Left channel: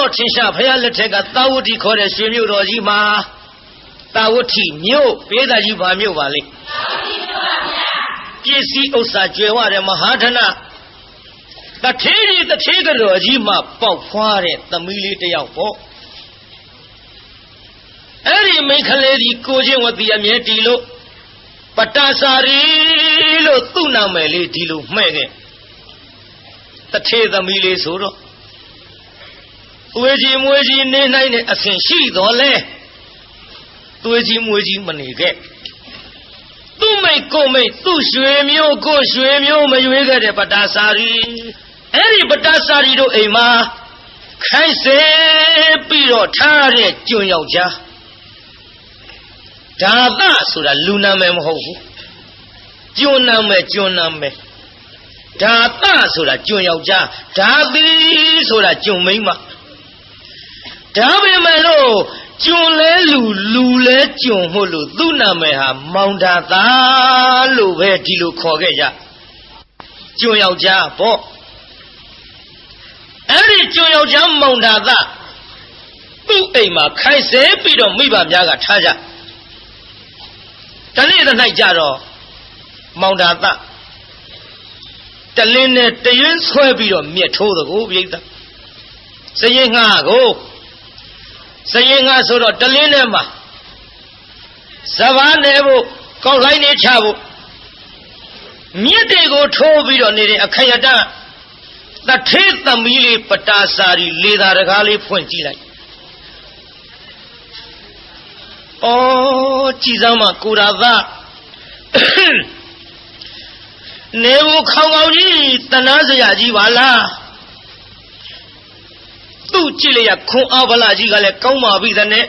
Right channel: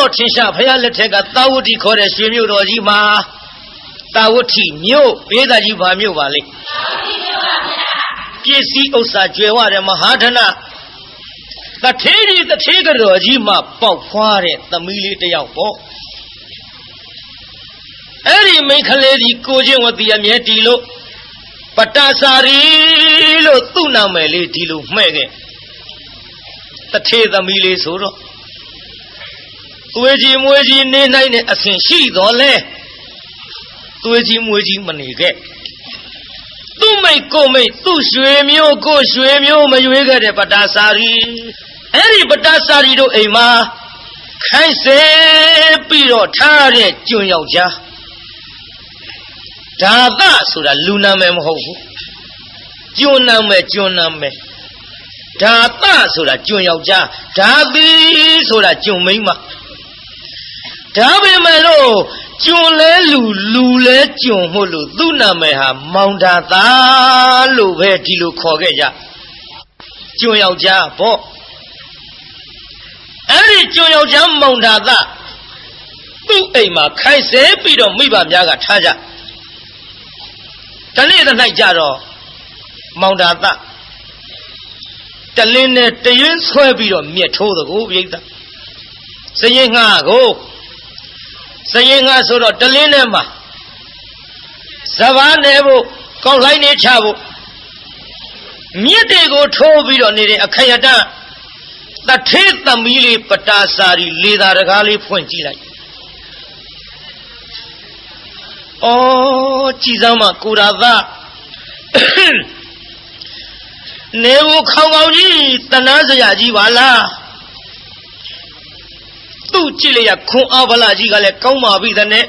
တော်ထင်ရှားဖယားလက်ထက်ကသာဝတိခေါ်တဲ့ရွှေမြို့တော်ကြီးမှာသာဝတိမြို့ပေးသားကြီးဘာမြို့ပါလိမ့်ပစ္စည်းဥစ္စာကျွယ်ဝတဲ့မဟာဓနတထေးကြီးတထေးကတော်ကြီးမှပေါက်ဖွားတဲ့သမီးလေးတစ်ယောက်ပေါ့အဲ့ဒီမိန်းကလေးကြီးကိုချင်းဝတိအမြဲတီလို့ပတ္တစာရီလို့သူ့နာမည်လေးဒီလိုမှဲ့ခဲ့တထေးသမီးလေးဆိုတော့သွေးကြီးမွေးကြီးနေနိုင်တဲ့အဆင်ရှိတော်လဲသွေးကြီးမွေးကြီးမနေခဲ့သူ့မိတ်ကိုမိတ်သူ့ရွှေမျိုးကိုရွှေမျိုးမရွေးခဲ့တဲ့ပတ္တစာရီအဲ့ဒီပတ္တစာရီတို့အိမ်မှာခိုင်းစေပြီးတော့ထားတဲ့ကျွန်းယောက်ျားဒါသဆိုတာလူနာမည်မဟုတ်ဘူးကျွန်းနာမည်ဒါသဆိုတာကျွန်းယောက်ျားဒါသီဆိုတာကျွန်းမိန်းမဒါပေမဲ့လို့ကျွန်းလဲလူလဲကျွန်းမို့လို့သူ့နာမည်ဟာမောင်ဒါသာလို့ပဲဒီလိုခေါ်ခဲ့ကြကျွန်းယောက်ျားပေါ့အဲ့ဒီကျွန်းယောက်ျားမောင်ဒါသာသူ့အိမ်မှာခိုင်းစေပြီးတော့မိဘများကထားကြတနေ့တစ်၌ကြတော့မောင်ဒါသာတလင်းနဲ့တရွင်းဆွဲပြီးတော့မြက်ထိုးသကိုပြိဿစရင်ငှားကိုစရင်ငှားဆိုတော့တလင်းနဲ့မှာစဘာနေဖို့ကောက်လိုက်နေချဖို့မြက်တွေကိုထိုးပြီးတော့နေတဲ့အခိုင်အတန့်တထေးသမီးလေးပတ္တစာရီလေသာတကားလေးဖွင့်ကြည့်လိုက်အော်ကြည်စမ်းမကိုရာသနေဦးခေါင်ကောင်ကြီးတနာစရာကြီးပါလားသူ့ကြည့်လိုက်ရခွန်အားဗလာကြီးကလည်းကောင်းပါပြီတဲ့နဲ့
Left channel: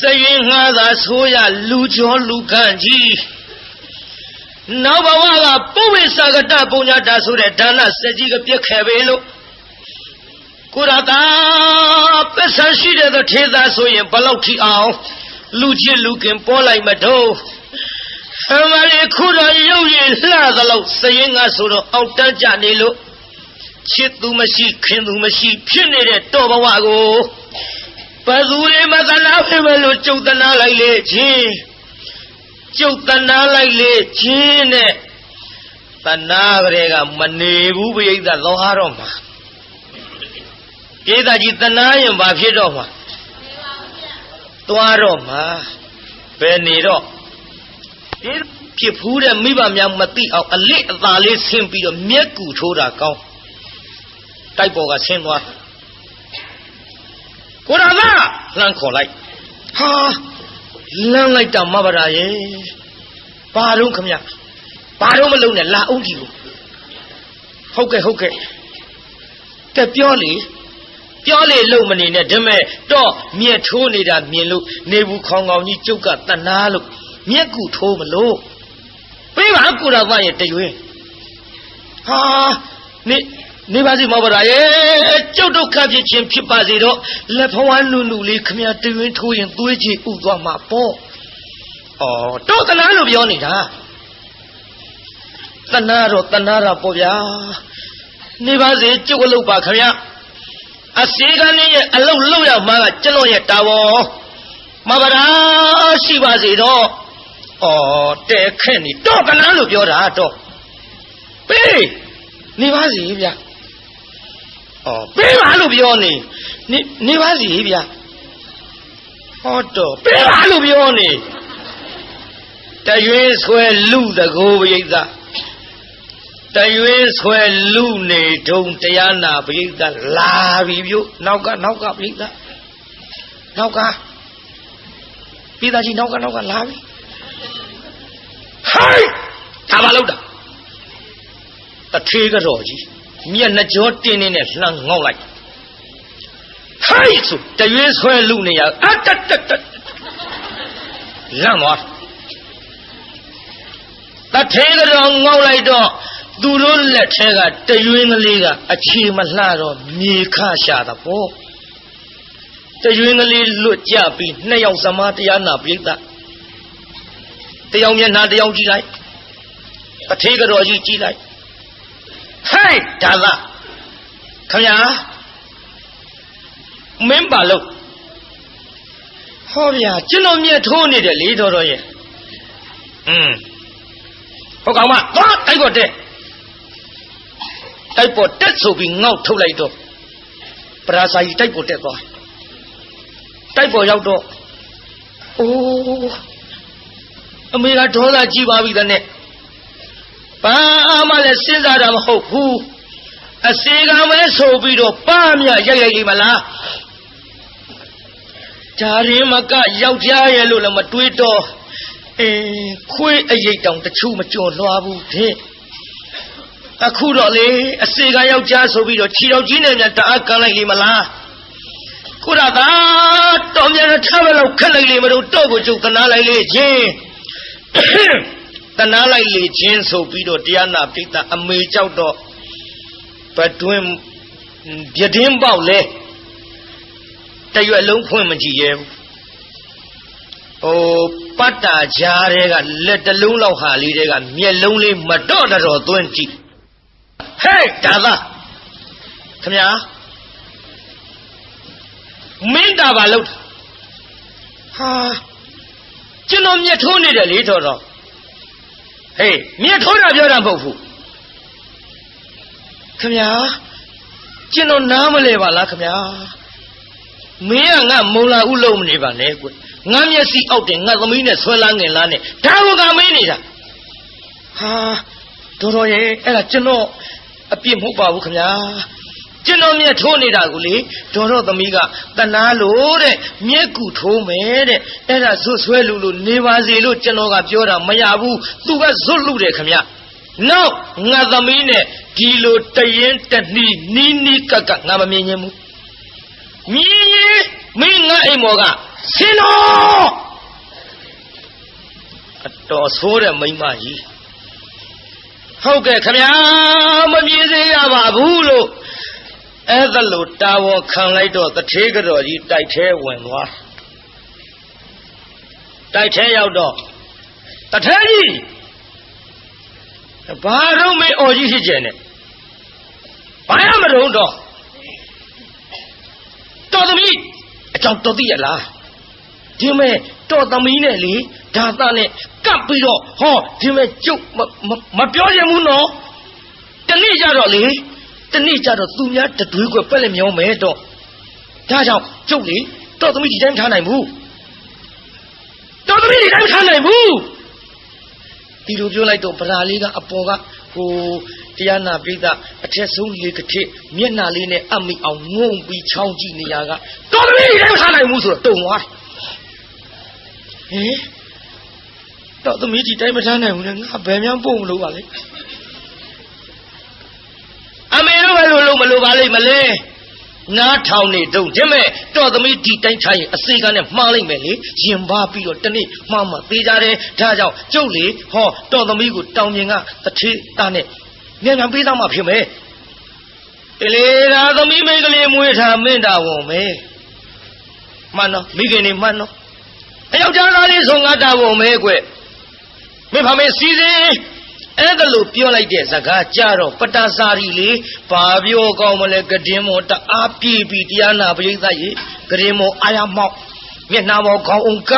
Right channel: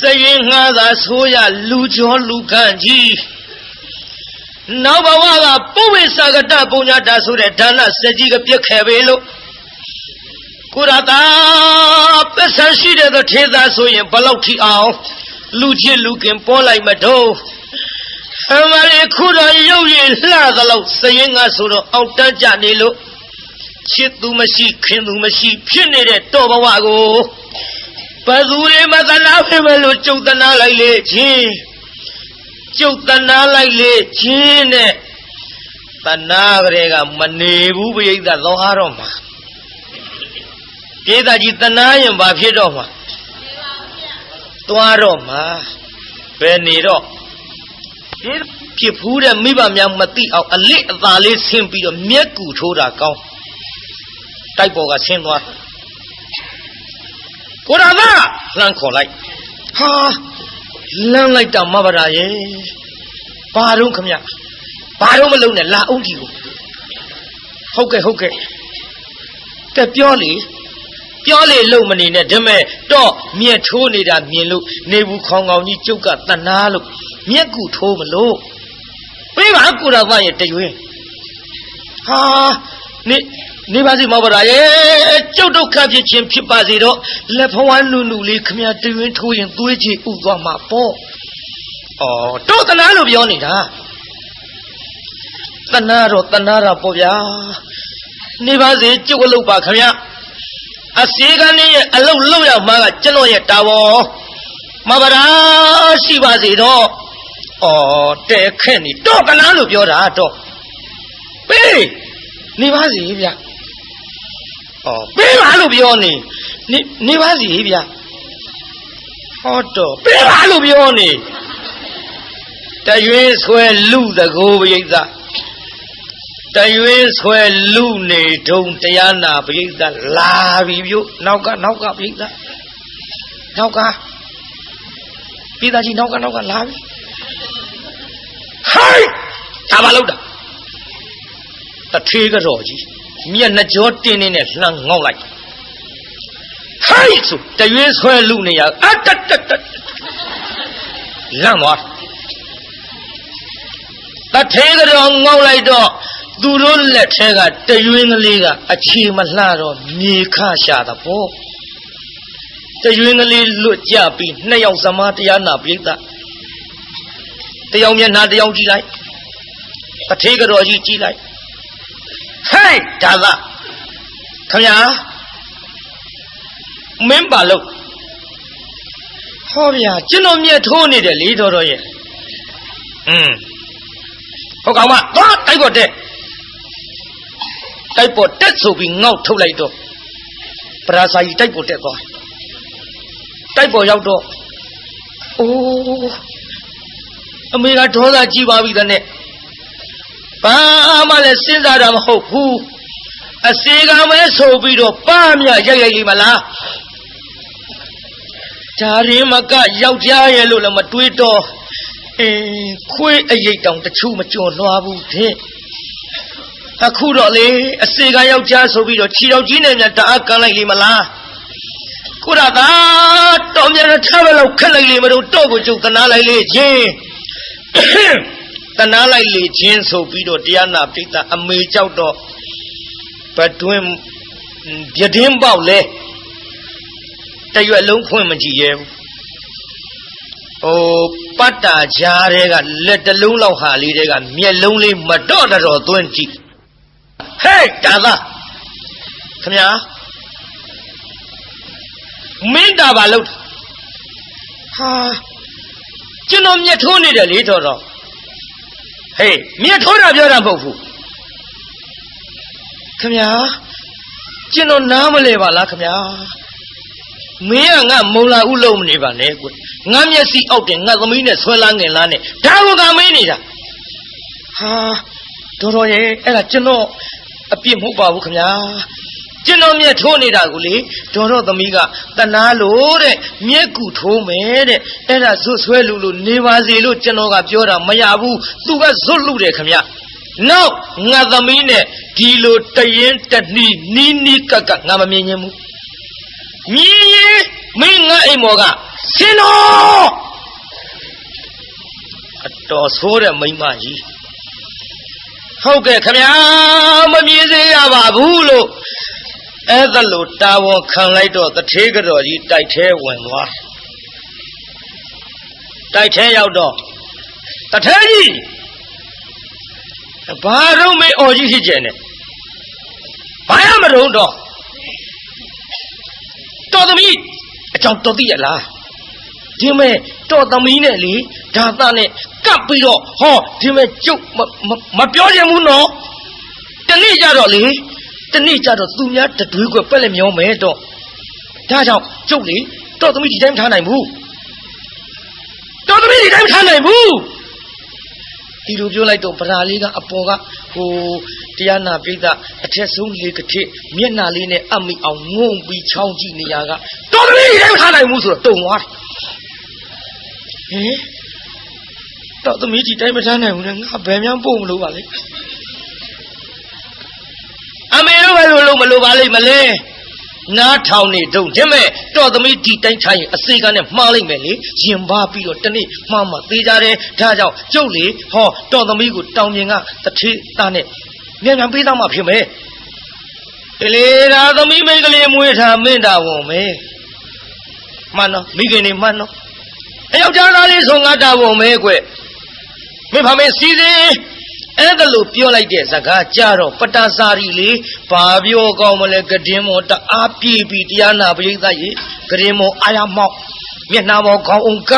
စရင်ငှားသာဆိုရလူကျော်လူခန့်ကြီးနောက်ဘဝကပုဝေစာကတပုံညာတာဆိုတဲ့ဒါနစက်ကြီးကပြက်ခဲ့ပေလို့ကိုရတာပစ္စရှိတဲ့ထေသာဆိုရင်ဘလောက်ထိအောင်လူချစ်လူခင်ပေါ်လိုက်မတော့အမလေးခုတော့ရုပ်ရည်လှသလောက်စရင်ငါဆိုတော့အောက်တန်းကြနေလို့ချစ်သူမရှိခင်သူမရှိဖြစ်နေတဲ့တော်ဘဝကိုဘသူတွေမသနာဖြစ်မလို့ကျုပ်တနာလိုက်လေချင်းကျုပ်တနာလိုက်လေချင်းနဲ့တနာကလေးကမနေဘူးပြိဿသောဟာတော့မှာပြိဿကြီးတနာရင်ဘာဖြစ်တော့မှာသွားတော့မှာဘယ်နေတော့ဖြစ်ဖူးတဲ့မိဘများမသိအောင်အလစ်အသာလေးဆင်းပြီးတော့မျက်ကူထိုးတာကောင်းတိုက်ပေါ်ကဆင်းသွားကိုရာသလှမ်းခေါ်လိုက်ဟာလမ်းလိုက်တာမဘာရာရဲ့ဘာတော့ခမဘာတော့မလုံးနဲ့လာအောင်ဒီကိုဟုတ်ကဲ့တက်ပြောလေလုံမနေနဲ့ဒါမဲ့တော့မြက်ထိုးနေတာမြင်လို့နေဘူးခေါင်ကောင်ကြီးကျုပ်ကတနာလို့မျက်ကူထိုးမလို့ပေးပါကိုရာသရဲ့တရွင်းဟာနေပါစီမောပါရဲ့ကျုပ်ဒုက္ခဖြစ်ခြင်းဖြစ်ပါစေတော့လက်ဖဝန်းနုလေးခမတရွင်းထိုးရင်သွေးကြီးဥသွားမှာပေါ့ဩတော့တနာလို့ပြောနေတာတနာတော့တနာတာပေါ့ဗျာနေပါစေကျုပ်အလုပ်ပါခမအစီကနေရဲ့အလုပ်လုပ်ရမှာကကျွန်တော်ရဲ့တာဝန်မပါရာရှိပါစေတော့တဲ့ခဲ့နေတော့တနာလို့ပြောတာတော့ပေးနေပါစီဗျာပေးပါလို့ပြောနေပါစီဗျာဟောတော့ပေးပါလို့ပြောနေတရွေးဆွဲလူတကိုပရိသတရွေးဆွဲလူနေထုံတရားနာပရိသလာပြီပြုနောက်ကပရိသနောက်ကပိသားကြီးနောက်ကလာပြီဟိုင်းဒါဘာလို့တာတထေးကတော်ကြီးမျက်နှကြောတင်းနေနဲ့လှမ်းငေါက်လိုက်ဟိုင်းဆိုတရွေးဆွဲလူနေရအတလမ်းသွားတထေးကတော်ငေါက်လိုက်တော့သူတို့လက်ထဲကတရွေးကလေးကအခြေမလှတော့မြေခရှာတာပေါ့တရွေးကလေးလွတ်ကြပြီးနှစ်ယောက်သမားတရားနာပြိဿတယောက်မျက်နှာတယောက်ကြည့်လိုက်တထေးကတော်ကြီးကြည့်လိုက်ဟဲ့ဒါသခင်ဗျာ မင်းပါလို့ဟောဗျာကျွန်တော်မြတ်ထိုးနေတယ်လေတော်တော်ရဲ့ဟုတ်ကောင်မသွားတိုက်ပေါ်တက်တိုက်ပေါ်တက်ဆိုပြီးငေါက်ထုတ်လိုက်တော့ပရာဇာကြီးတိုက်ပေါ်တက်သွားတိုက်ပေါ်ရောက်တော့အိုးအမေကဒေါသကြီးပါပြီတဲ့နဲ့ဘာမှလည်းစဉ်းစားတာမဟုတ်ဘူးအစေကမဲဆိုပြီးတော့ပါမြရိုက်လိမ့်မလားဒါရင်မကယောက်ျားရဲ့လို့လည်းမတွေးတော့ခွေးအရိတ်တောင်တချို့မကြော်လွှားဘူးတဲ့အခုတော့လေအစေကယောက်ျားဆိုပြီးတော့ခြေတော်ကြီးနဲ့တအားကန်လိုက်လိမ့်မလားကိုရတာတော်မြန်ထားပဲလို့ခက်လိုက်လေမလို့တော့ကိုကျုပ်တနာလိုက်လေချင်းတနာလိုက်လေချင်းဆိုပြီးတော့တရားနာပိဋကအမေကြောက်တော့ဘတွင်ပြတင်းပေါက်လဲတရွက်လုံးဖွင့်မကြည့်ရဲဘူးပတ်တာကြားတွေကလက်တလုံးလောက်ဟာလေးတွေကမျက်လုံးလေးမတော့တော်သွင်းကြည့်ဟဲ့ဒါသာခင်ဗျာမင်းတာပါလို့ဟာကျွန်တော်မျက်ထိုးနေတယ်လေတော်တော်ဟေးမျက်ထိုးတာပြောတာမဟုတ်ဘူးခင်ဗျာကျွန်တော်နားမလဲပါလားခင်ဗျာမင်းကငါမုံလာဥလုံးမနေပါနဲ့ကွငါမျက်စိအောက်တယ်ငါသမီးနဲ့ဆွဲလာငင်လားနဲ့ဒါကကမင်းနေတာဟာတော်တော်ရဲ့အဲ့ဒါကျွန်တော်အပြစ်မဟုတ်ပါဘူးခင်ဗျာကျွန်တော်မျက်ထိုးနေတာကိုလေဒေါ်တော်သမီးကတနာလို့တဲ့မျက်ကူထိုးမယ်တဲ့အဲ့ဒါဇွတ်ဆွဲလို့နေပါစေလို့ကျွန်တော်ကပြောတာမရဘူးသူကဇွတ်လူတယ်ခင်ဗျနောက်ငါသမီးနဲ့ဒီလိုတရင်တနှီးနီးကကငါမမြင်ဘူးမြင်ရင်မင်းငါအိမ်မော်ကဆင်းတော့အတော်ဆိုးတဲ့မိန်းမကြီးဟုတ်ကဲ့ခင်ဗျာမမြင်စေရပါဘူးလို့အဲ့ဒါလို့တာဝန်ခံလိုက်တော့တထေးကြော်ကြီးတိုက်ထဲဝင်သွားတိုက်ထဲရောက်တော့တထေးကြီးဘာတော့မေးအော်ကြီးဖြစ်ကျင်နေဘာရမလို့တော့တော်သမီးအကြောင်းတော်သိရလားဒီမဲ့တော်သမီးနဲ့လေဒါသားနဲ့ကပ်ပြီးတော့ဟောဒီမဲ့ကျုပ်မပြောချင်ဘူးနော်တနေ့ကြတော့လေတနေ့ကြတော့သူများတတွေးကွက်ပက်လက်မျောမယ်တော့ဒါကြောင့်ကျုပ်လေတော်သမီးဒီတိုင်းထားနိုင်ဘူးတော်သမီးဒီတိုင်းထားနိုင်ဘူးဒီလိုပြောလိုက်တော့ပဓာလေးကအပေါ်ကဟိုတရားနာပိဋကအထက်ဆုံးလေကတိမျက်နှာလေးနဲ့အမိအောင်ငုံပြီးချောင်းကြည့်နေရကတော်သမီးဒီတိုင်းထားနိုင်ဘူးဆိုတော့တုံသွားဟင်တော်သမီးဒီတိုင်းမထားနိုင်ဘူးလေငါဘယ်မှပို့မလို့ပါလေအမေတို့ပဲလို့မလို့ပါလိမ့်မလဲနားထောင်နေတုံးခြင်းမဲ့တော်သမီးဒီတိုင်းထားရင်အစေကနဲ့မှားလိုက်မယ်လေရင်ပါပြီးတော့တနေ့မှားမှသေးကြတယ်ဒါကြောင့်ကျုပ်လေဟောတော်သမီးကိုတောင်မြင်ကတထေးသားနဲ့မြန်မြန်ပေးတော့မှဖြစ်မယ်လေဒါသမီးမိန်းကလေးမွေးထားမင်းတာဝန်မယ်မှန်တော့မိခင်နေမှန်တော့အယောက်ျားသားလေးဆိုငါတာဝန်မယ်ကွမင်းဖမေစီစဉ်အဲ့ဒါလို့ပြောလိုက်တဲ့စကားကြတော့ပတ္တစာရီလေဘာပြောကောင်းမလဲကတင်းမောတအားပြေးပြီးတရားနာပရိသတ်ရေကတင်းမောအာရမောက်မျက်နှာပေါ်ခေါင်းအောင်က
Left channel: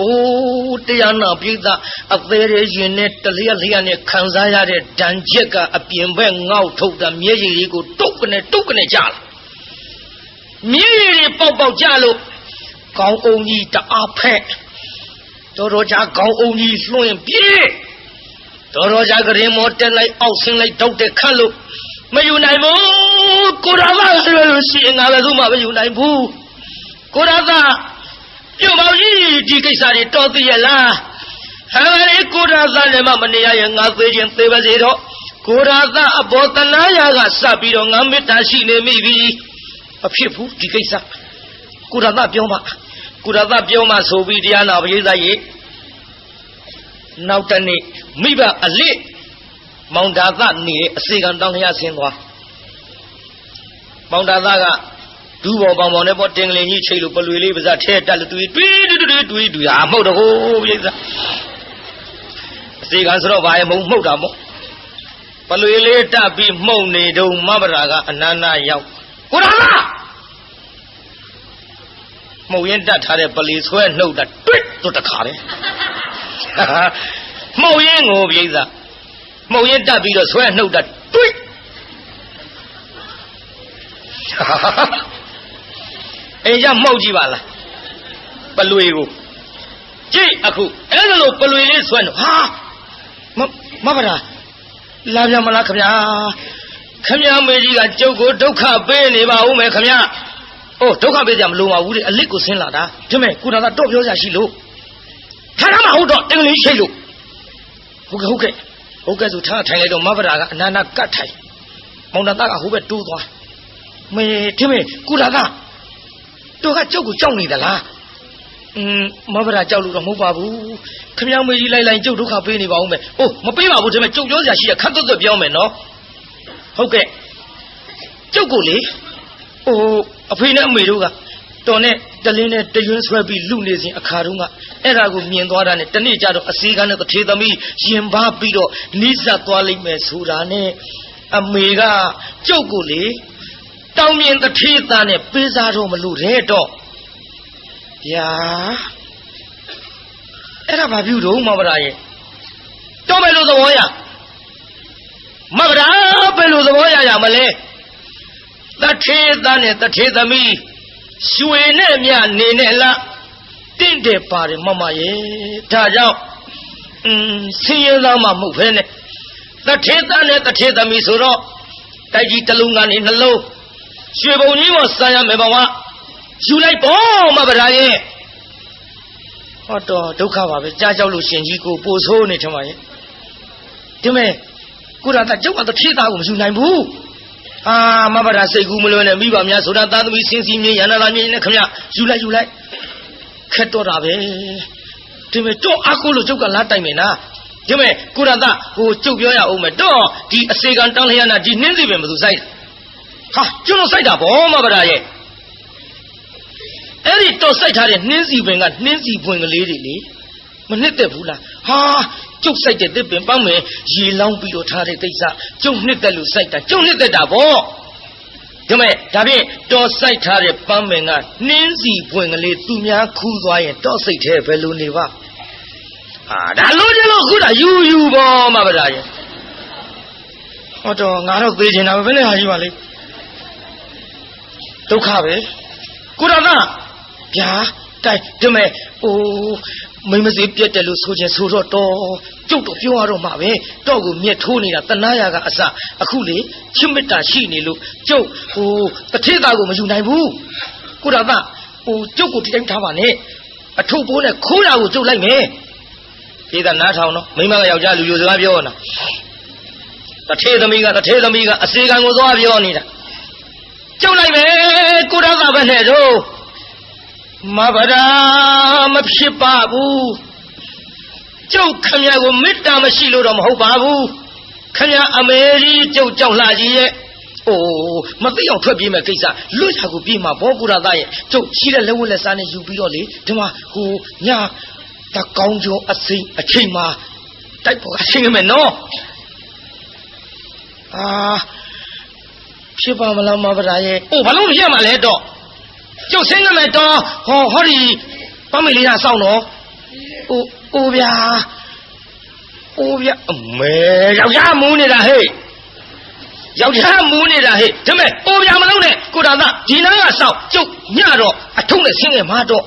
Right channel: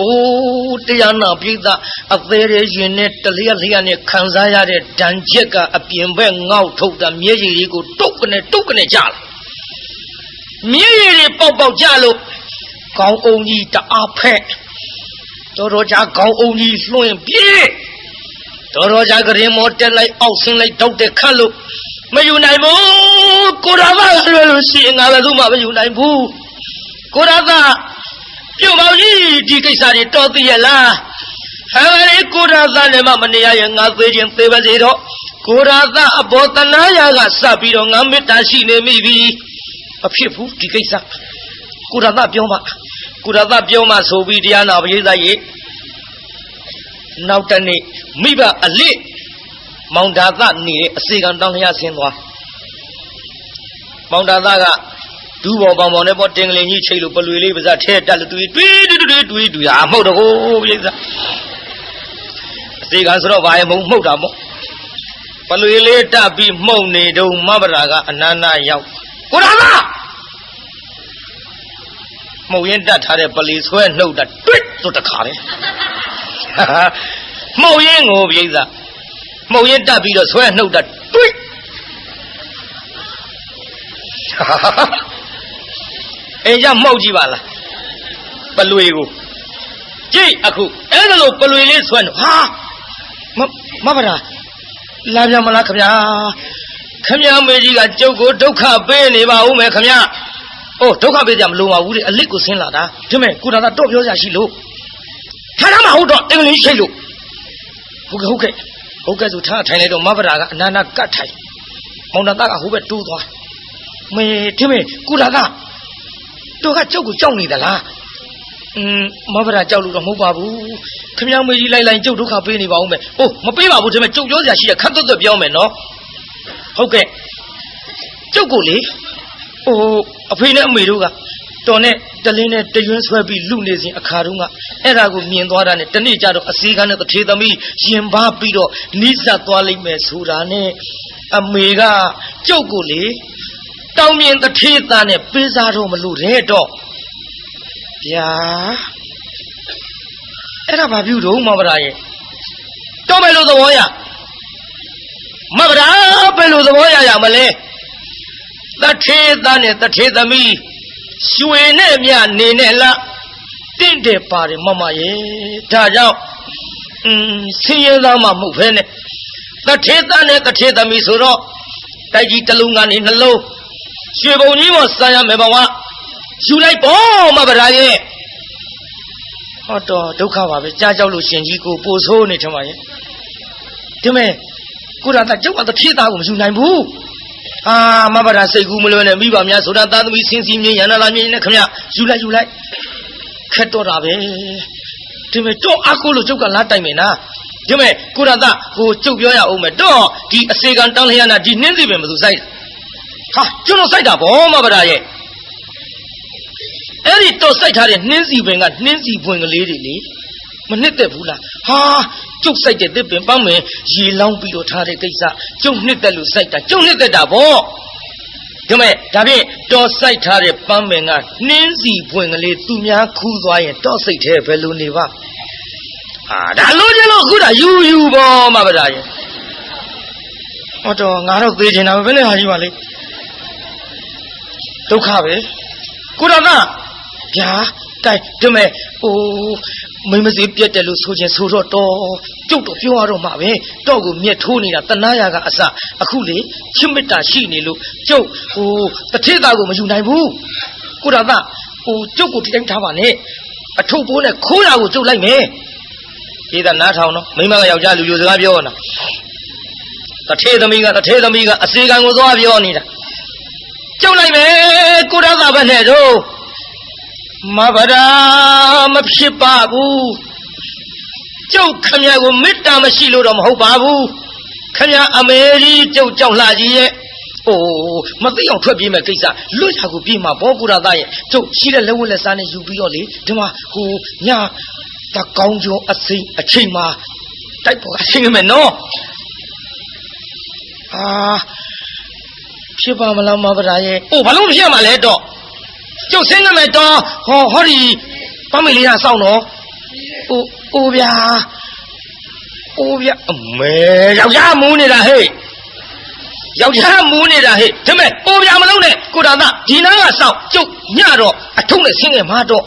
အိုးတရားနာပရိသတ်အသေးသေးရင်နဲ့တလျက်လျက်နဲ့ခံစားရတဲ့ဒဏ်ချက်ကအပြင်ဘက်ငေါက်ထုတ်တာမျက်ရည်တွေကိုတုတ်ကနေကြလာမျက်ရည်တွေပေါက်ကြလို့ခေါင်းအောင်ကြီးတအားဖက်တော်ကြာခေါင်းအောင်ကြီးလွှင့်ပြေးတော်ကြကရင်မောတက်လိုက်အောက်ဆင်းလိုက်တောက်တဲ့ခတ်လို့မယူနိုင်ဘူးကိုရသာလွယ်လို့ရှိရင်ငါလည်းသူ့မှာမယူနိုင်ဘူးကိုရသာပြုတ်ပါကြီးဒီကိစ္စတွေတော်သိရလားဟဲ့လေကိုရသာလည်းမနေရရင်ငါသေးခြင်းသေးပါစေတော့ကိုရသာအဘောတနာယာကစပ်ပြီးတော့ငါမေတ္တာရှိနေမိပြီမဖြစ်ဘူးဒီကိစ္စကိုရသာပြောမှဆိုပြီးတရားနာပရိသတ်ရေနောက်တနေ့မိဘအလစ်မောင်ဒါသနေတဲ့အစေကံတောင်းလျာဆင်းသွားမောင်ဒါသကဒူးပေါ်ပေါင်ပေါင်နဲ့ပေါ်တင်ကလေးကြီးချိတ်လို့ပလွေလေးပါးစပ်ထဲတက်လို့တွေးအမှုတ်တော့ကိုပြိဿအစေကံဆိုတော့ဘာရဲ့မဟုတ်တာမို့ပလွေလေးတက်ပြီးမှုတ်နေတော့မဘရာကအနန္နာရောက်ကိုရသ မှုတ်ရင်တတ်ထားတဲ့ပလီဆွဲနှုတ်တာတွစ်ဆိုတခါလေမှုတ်ရင်ကိုပြိဿမှုတ်ရင်တတ်ပြီးတော့ဆွဲနှုတ်တာတွစ်အေးကြမှုတ်ကြည့်ပါလားပလွေကိုကြည့်အခုအဲ့ဒါလို့ပလွေလေးဆွဲနှုတ်ဟာမဗရာလာပြန်မလားခင်ဗျာခင်ဗျာမေကြီးကကျုပ်ကိုဒုက္ခပေးနေပါဦးမယ်ခင်ဗျာအိုးဒုက္ခပေးကြမလို့ပါဘူးလေအလစ်ကိုဆင်းလာတာဒီမဲ့ကုနာကတော့ပြောရရှိလို့ထားရမှာဟုတ်တော့အင်္ဂလိပ်ရှိလို့ဟုတ်ကဲ့ဆိုထားထိုင်လိုက်တော့မဗရာကအနာနာကတ်ထိုင်မောင်နာသားကဟိုဘက်တိုးသွားမေဒီမဲ့ကုနာကတော့ကကျုပ်ကိုကြောက်နေသလားမဗရာကြောက်လို့တော့မဟုတ်ပါဘူးခင်ဗျာမေကြီးလိုက်ကျုပ်ဒုက္ခပေးနေပါဦးမယ်အိုးမပေးပါဘူးဒီမဲ့ကျုပ်ပြောစရာရှိရခတ်သွတ်ပြောမယ်နော်ဟုတ်ကဲ့ကျုပ်ကိုလေအဖေနဲ့အမေတို့ကတော်နဲ့တလင်းနဲ့တရွန်းဆွဲပြီးလူနေစဉ်အခါတုန်းကအဲ့ဒါကိုမြင်သွားတာနဲ့တနေ့ကျတော့အစည်းကန်းနဲ့တထေသမီးရင်ပါပြီးတော့နိစ္စသွားလိမ့်မယ်ဆိုတာနဲ့အမေကကျုပ်ကိုလေတောင်းမြင်တထေသားနဲ့ပေးစားတော့မလို့တဲ့တော့ဗျာအဲ့ဒါဘာပြုတော့မဗရာရဲ့တော့ပဲလို့သဘောရမဗရာပဲလို့သဘောရမလဲတထေသားနဲ့တထေသမီးရွှေနဲ့မြနေနဲ့လားတင့်တယ်ပါတယ်မမရဲ့ဒါကြောင့်ဆင်းရဲသားမှမဟုတ်ဖဲနဲ့တထေသားနဲ့တထေသမီးဆိုတော့တိုက်ကြီးတစ်လုံးကနေနှလုံးရွှေပုံကြီးပေါ်စားရမယ်ဘဝယူလိုက်ပေါ့မဗရာရဲ့ဟောတော့ဒုက္ခပါပဲကြားကြောက်လို့ရှင်ကြီးကိုပို့ဆိုးနေထမရဲ့ဒီမဲ့ကိုရတာကျုပ်ကတထေသားကိုမယူနိုင်ဘူးမဗရာစိတ်ကူးမလွယ်နဲ့မိဘများဆိုတာသားသမီးစင်းစင်းမြင်ရနာလာမြင်နဲ့ခင်ဗျယူလိုက်ခက်တော့တာပဲဒီမဲ့တော့အကူလို့ကျုပ်ကလာတိုက်မယ်နာဒီမဲ့ကိုရတာကိုကျုပ်ပြောရအောင်မယ်တော့ဒီအစေကံတောင်းလျက်နာဒီနှင်းစီပင်မသူစိုက်ဟာကျွန်တော်စိုက်တာဗောမဗရာရဲ့အဲ့ဒီတော့စိုက်ထားတဲ့နှင်းစီပင်ကနှင်းစီပွင့်ကလေးတွေလေမနှစ်သက်ဘူးလားဟာကျုပ်စိုက်တဲ့သစ်ပင်ပန်းမယ်ရေလောင်းပြီးတော့ထားတဲ့ကိစ္စကျုပ်နှစ်သက်လို့စိုက်တာကျုပ်နှစ်သက်တာဗောဒါမဲ့ဒါဖြင့်တော့စိုက်ထားတဲ့ပန်းမယ်ကနှင်းစီပွင့်ကလေးသူများခူးသွားရင်တော့စိတ်ထဲဘယ်လိုနေပါဒါလို့ကျလို့ခုတာယူဗောမဗရာရဲ့ဟောတော့ငါတော့သေးချင်တာပဲဘယ်နဲ့ဟာယူပါလိမ့်ဒုက္ခပဲကိုရတာဗျာတိုက်ဒီမဲ့မိမစီပြက်တယ်လို့ဆိုခြင်းဆိုတော့ကျုပ်တော့ပြောရတော့မှာပဲတော့ကိုမြက်ထိုးနေတာတနာရကအစအခုလေချစ်မေတ္တာရှိနေလို့ကျုပ်တထေသားကိုမယူနိုင်ဘူးကိုရတာကျုပ်ကိုတိုင်းထားပါနဲ့အထုပ်ပိုးနဲ့ခိုးရကိုကျုပ်လိုက်မယ်ဒီကနားထောင်တော့မိမကယောက်ျားလူစကားပြောနေတာတထေသမီးကအစီကံကိုသွားပြောနေတာကျုပ်လိုက်မယ်ကိုရတာပဲနဲ့တော့မဗရာမဖြစ်ပါဘူးကျုပ်ခမရကိုမေတ္တာမရှိလို့တော့မဟုတ်ပါဘူးခမရအမေကြီးကျုပ်ကြောက်လှကြီးရဲ့မသိအောင်ထွက်ပြေးမဲ့ကိစ္စလွတ်ရာကိုပြေးမှာဘောကုရသားရဲ့ကျုပ်ရှိတဲ့လက်ဝတ်လက်စားနဲ့ယူပြီးတော့လေဒီမှာညတကောင်းကျော်အစိမ့်အချိန်မှာတိုက်ပေါ်အစိမ့်မယ်နော်ဖြစ်ပါမလားမဗရာရဲ့ဘာလို့မဖြစ်မှာလဲတော့ကျုပ်ဆင်းနေမယ်တော့ဟောဒီပမေလေးကစောင့်တော့အိုးဗျာအမေယောက်ျားမူးနေတာဟဲ့ဒီမဲ့အိုးဗျာမလုံးနဲ့ကိုတာသားဒီနားကစောင့်ကျုပ်ညတော့အထုံးနဲ့ဆင်းငယ်မှာတော့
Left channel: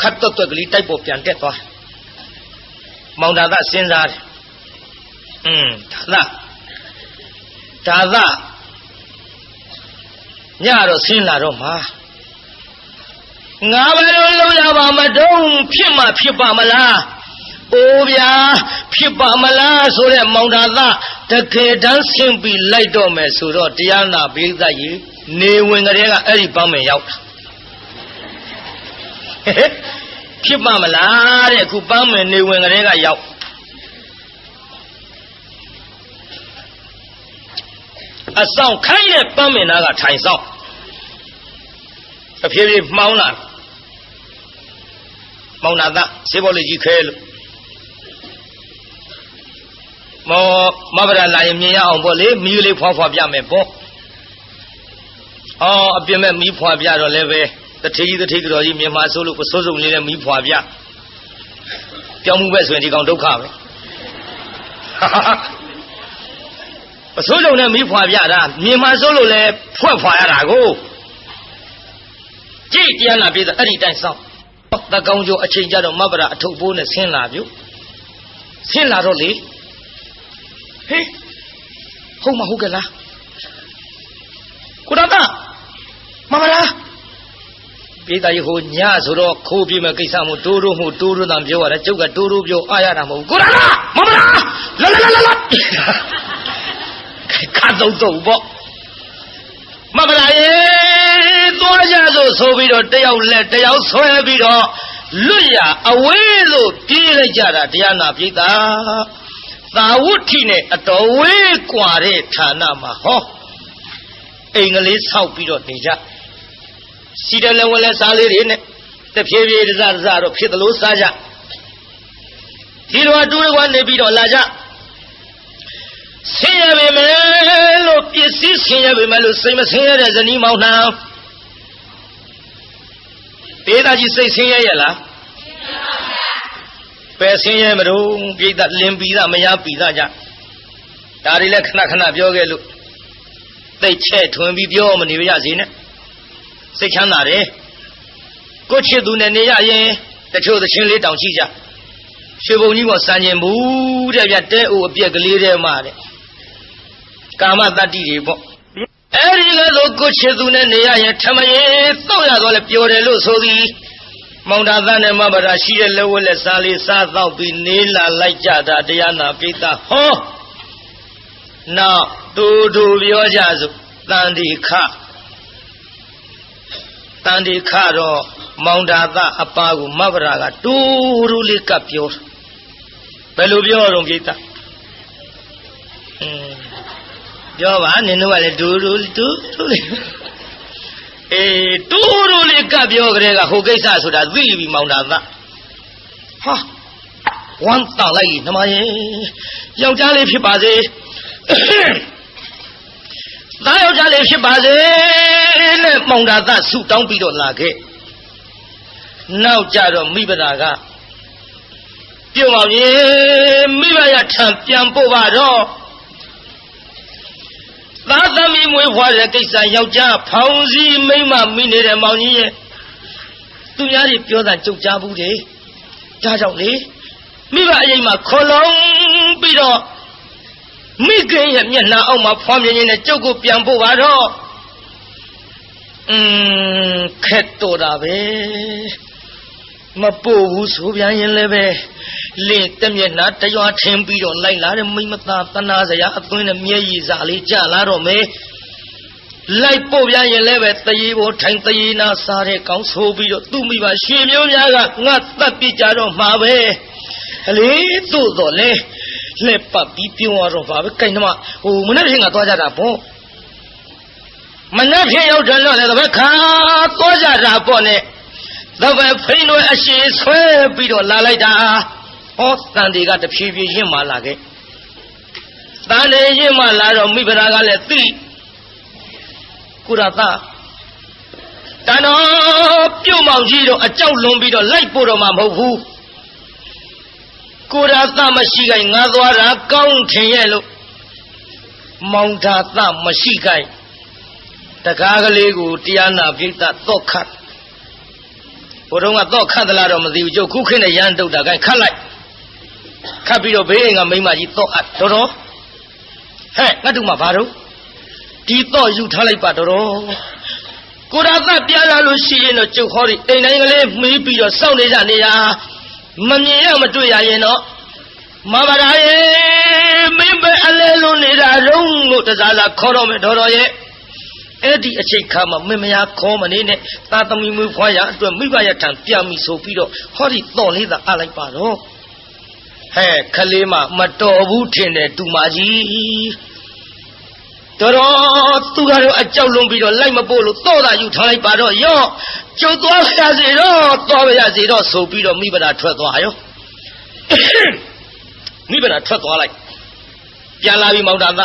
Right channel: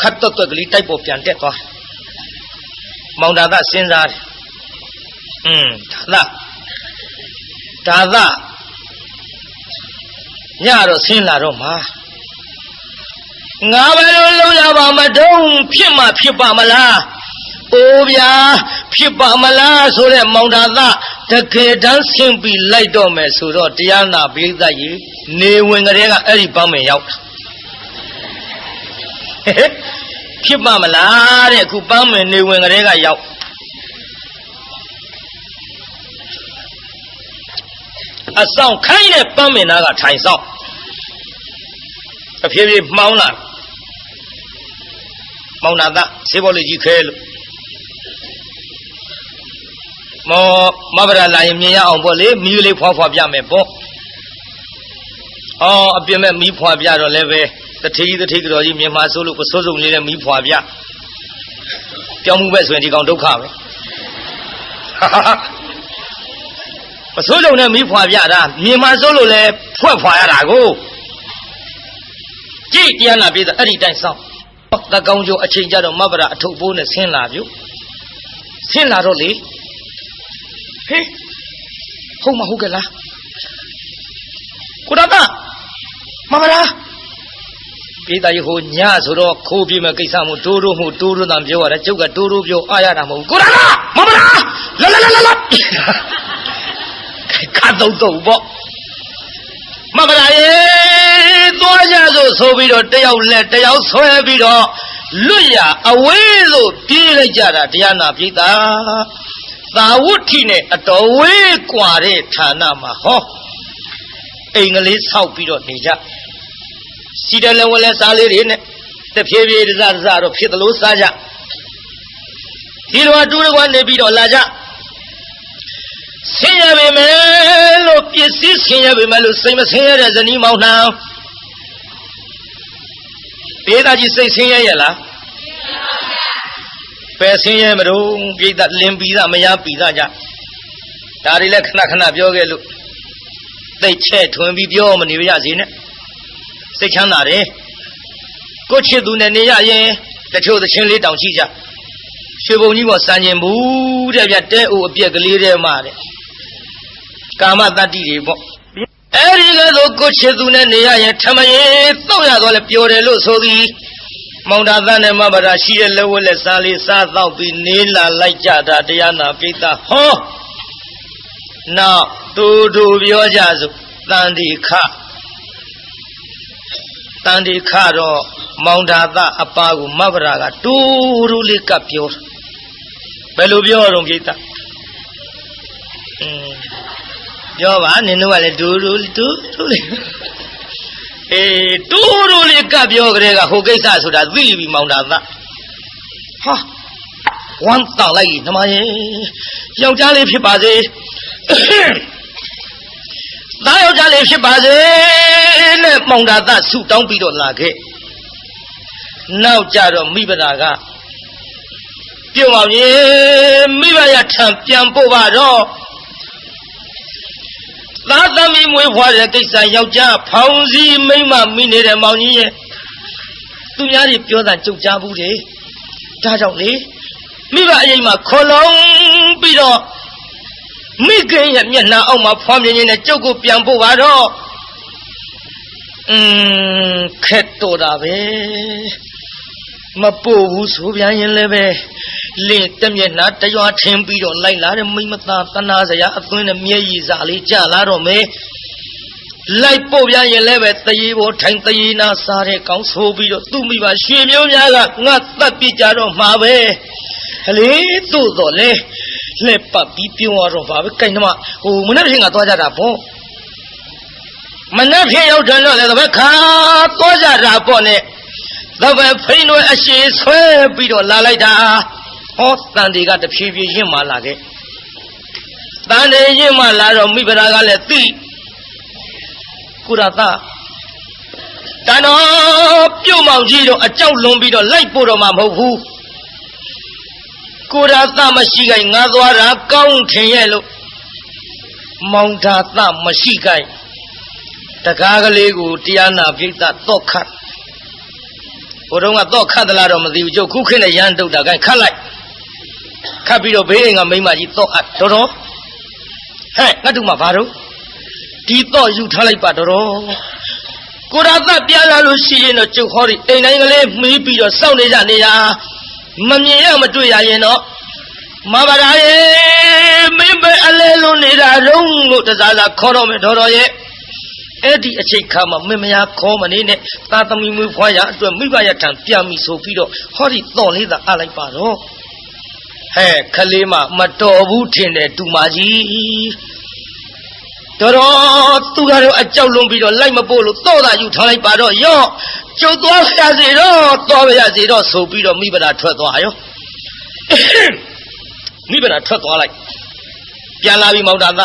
ခတ်တော့ကလေးတိုက်ပေါ်ပြန်တက်သွားမောင်တာသားစဉ်းစားတယ်ဒါသားညတော့ဆင်းလာတော့မှာငါဘယ်လိုလုပ်ရပါမတုံးဖြစ်မှဖြစ်ပါမလားအိုးဗျာဖြစ်ပါမလားဆိုတဲ့မောင်တာသားတကယ်တမ်းဆင်းပြီးလိုက်တော့မယ်ဆိုတော့တရားနာပိဿကြီးနေဝင်ကလေးကအဲ့ဒီပန်းမင်ရောက်တာဖြစ်ပါမလားတဲ့အခုပန်းမင်နေဝင်ကလေးကရောက်အဆောင်ခိုင်းတဲ့ပန်းမင်သားကထိုင်ဆောင်အဖြည်းဖြည်းမှောင်းလာမောင်နာသားဆေးဘောလေးကြီးခဲလို့မဗရာလာရင်မြင်ရအောင်ပေါ့လေမီးလေးဖွားဖွားပြမယ်ပေါ့ အပြစ်မဲ့မီးဖွာပြတော့လည်းပဲတထေကြီးတော်ကြီးမြန်မာဆိုလို့ပစိုးစုံလေးနဲ့မီးဖွာပြကြောင်းမှုပဲဆိုရင်ဒီကောင်ဒုက္ခပဲပစိုးစုံနဲ့မီးဖွာပြတာမြန်မာဆိုလို့လည်းဖွာရတာကိုကြည့်တရားနာပြေးတာအဲ့ဒီတိုင်းဆောင်တကောင်းကျိုးအချိန်ကြတော့မဗရာအထုပ်ပိုးနဲ့ဆင်းလာပြုဆင်းလာတော့လေဟေးဟုတ်မဟုတ်ကလားကိုရတမဗရာပြေးတာရဟိုညဆိုတော့ခိုးပြေးမဲ့ကိစ္စမို့တိုးတိုးတန်ပြောရတယ်ကျုပ်ကတိုးပြောအားရတာမဟုတ်ကိုရတမဗရာလာခါတော့ပေါ့မဗရာရေသွားကြဆိုပြီးတော့တယောက်လက်တယောက်ဆွဲပြီးတော့လွတ်ရအဝေးလို့ပြေးလိုက်ကြတာတရားနာပြိတ္တာသာဝတ္ထိနဲ့အတော်ဝေးกว่าတဲ့ဌာနမှာဟောအိမ်ကလေးဆောက်ပြီးတော့နေကြစီတယ်လည်းဝလဲစားလေးတွေနဲ့တဖြည်းဖြည်းတစတော့ဖြစ်သလိုစားကြဒီလိုအတူတကွနေပြီးတော့လာကြဆင်းရပေမဲ့လို့ပစ္စည်းဆင်းရပေမဲ့လို့စိတ်မဆင်းရတဲ့ဇနီးမောင်နှံပြေးသားကြီးစိတ်ဆင်းရဲရလားပဲဆင်းရဲမလို့ပြိတ္တလင်းပြီးသားမရပြီးသားကြဒါတွေလည်းခဏပြောခဲ့လို့သိချဲ့ထွင်ပြီးပြောမနေရစေနဲ့စိတ်ချမ်းသာတယ်ကိုချစ်သူနဲ့နေရရင်တချို့သချင်းလေးတောင်ရှိကြရွှေဘုံကြီးပေါ်စံကျင်ဘူးတဲ့ဗျတဲအိုအပြက်ကလေးတဲ့မှာတဲ့ကာမတတ္တိတွေပေါ့အဲ့ဒီလိုကိုချစ်သူနဲ့နေရရင်ထမရင်တော့ရတော့လဲပျော်တယ်လို့ဆိုပြီးမောင်တာသားနဲ့မဗရာရှိတဲ့လက်ဝက်လက်စားလေးစားတော့ပြီးနေလာလိုက်ကြတာတရားနာပိဋကဟောနောက်တူပြောကြစို့တန်ဒီခတော့မောင်တာသားအပါကိုမဗရာကတူလေးကပ်ပြောဘယ်လိုပြောတော့ပိဋကပြောပါနင်တို့ကလည်းတူလေးတူလေးကပြောကြတဲ့ကဟိုကိစ္စဆိုတာသိပြီမောင်တာသားဟာဝမ်းတောက်လိုက်လေနှမရဲ့ယောက်ျားလေးဖြစ်ပါစေသားယောက်ျားလေးဖြစ်ပါစေနဲ့မောင်တာသားဆုတောင်းပြီးတော့လာခဲ့နောက်ကြတော့မိဘသားကပြုံးပါမြေမိဘရထံပြန်ပို့ပါတော့သားသမီးမွေးဖွားတဲ့ကိစ္စယောက်ျားဖောင်စည်းမိမ့်မမိနေတဲ့မောင်ကြီးရဲ့သူများတွေပြောတာကြုတ်ကြားဘူးတယ်ဒါကြောင့်လေမိဘအရင်မှာခေါ်လုံးပြီးတော့မိခင်ရဲ့မျက်နှာအောက်မှာဖွားမြင်နေတဲ့ကျုပ်ကိုပြန်ပို့ပါတော့ခက်တော်တာပဲမပို့ဘူးဆိုပြန်ရင်လည်းပဲလင်းတမျက်နှာတရွာထင်းပြီးတော့လိုက်လာတဲ့မိမသားတနာစရာအသွင်းနဲ့မျက်ရည်စာလေးကြလာတော့မယ်လိုက်ပို့ပြန်ရင်လည်းပဲတရေပေါ်ထိုင်တရေနာစားတဲ့ကောင်းဆိုပြီးတော့သူ့မိဘရွှေမျိုးများကငါတတ်ပြကြတော့မှာပဲအလေတို့တော့လေလက်ပတ်ပြီးပြုံးရတော့ပါပဲကိန်းတော့ဟိုမနေ့ကသွားကြတာပေါ့မနေ့ကရောက်တယ်တော့လေတပည့်ခါသွားကြတာပေါ့နဲ့တပည့်ဖိန်းတို့အရှိဆွဲပြီးတော့လာလိုက်တာဟောတန်တွေကတဖြည်းဖြည်းရင့်မာလာခဲ့တန်တွေရင့်မာလာတော့မိဖုရားကလည်းသိကုရသတန်တော်ပြုတ်မောင်ကြီးတော့အကြောက်လွန်ပြီးတော့လိုက်ပို့တော့မှမဟုတ်ဘူးကုရသမရှိခိုင်ငါသွားတာကောင်းထင်ရဲ့လို့မောင်သာသမရှိခိုင်တကားကလေးကိုတရားနာပြိတ္တတော့ခတ်ဘုရုံကတော့ခတ်သလားတော့မသိဘူးကျုပ်ခုခေတ်နဲ့ရမ်းတုတ်တာခိုင်ခတ်လိုက်ခတ်ပြီးတော့ဘေးအိမ်ကမိမကြီးတော့အပ်တော်ဟဲ့ငါတို့မှဘာတော့ဒီတော့ယူထားလိုက်ပါတော်ကိုရသပြလာလို့ရှိရင်တော့ကျုပ်ဟောဒီအိမ်တိုင်းကလေးမီးပြီးတော့စောင့်နေကြနေရမမြင်ရမတွေ့ရရင်တော့မဘာသာရေမင်းပဲအလဲလို့နေတာလုံးလို့တစားစားခေါ်တော့မယ်တော်ရဲ့အဲ့ဒီအချိန်ခါမှာမင်းမယားခေါ်မနေနဲ့သာသမီမွေးဖွားရအတွက်မိဘရထံပြန်ပြီဆိုပြီးတော့ဟောဒီတော့လေးသာအလိုက်ပါတော့ဟဲ့ခလေးမမတော်ဘူးထင်တယ်တူမကြီးတော်သူကတော့အကြောက်လွန်ပြီးတော့လိုက်မပို့လို့တော့တာယူထားလိုက်ပါတော့ရော့ကျုပ်သွားရစေတော့သွားရစေတော့ဆိုပြီးတော့မိဘသာထွက်သွားရောမိဘသာထွက်သွားလိုက်ပြန်လာပြီမောင်တာသ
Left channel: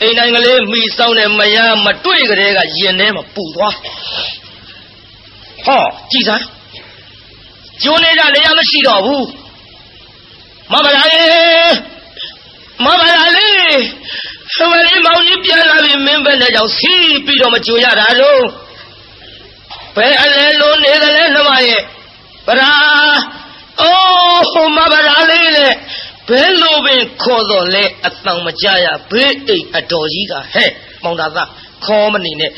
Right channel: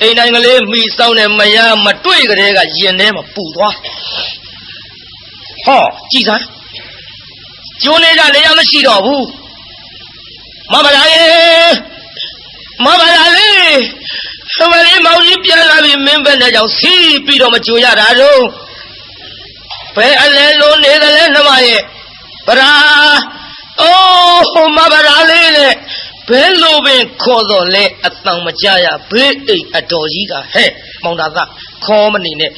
အိမ်တိုင်းကလေးမိဆောင်တဲ့မယားမတွေ့ကြတဲ့ကရင်ထဲမှာပူသွားဟောကြည်စမ်းကျိုးနေကြလေရမရှိတော့ဘူးမမလာလေမမလာလေသမလေးမောင်ကြီးပြန်လာပြီမင်းပဲနဲ့ကြောင့်စီးပြီးတော့မကြိုရတာတော့ဘယ်အလဲလုံးနေတယ်လဲနှမရဲ့ဗရာအိုးမဗရာလေးလေဘယ်လိုပဲခေါ်တော့လဲအတန်မကြရဘေးအိတ်အတော်ကြီးကဟဲ့မောင်တာသားခေါ်မနေနဲ့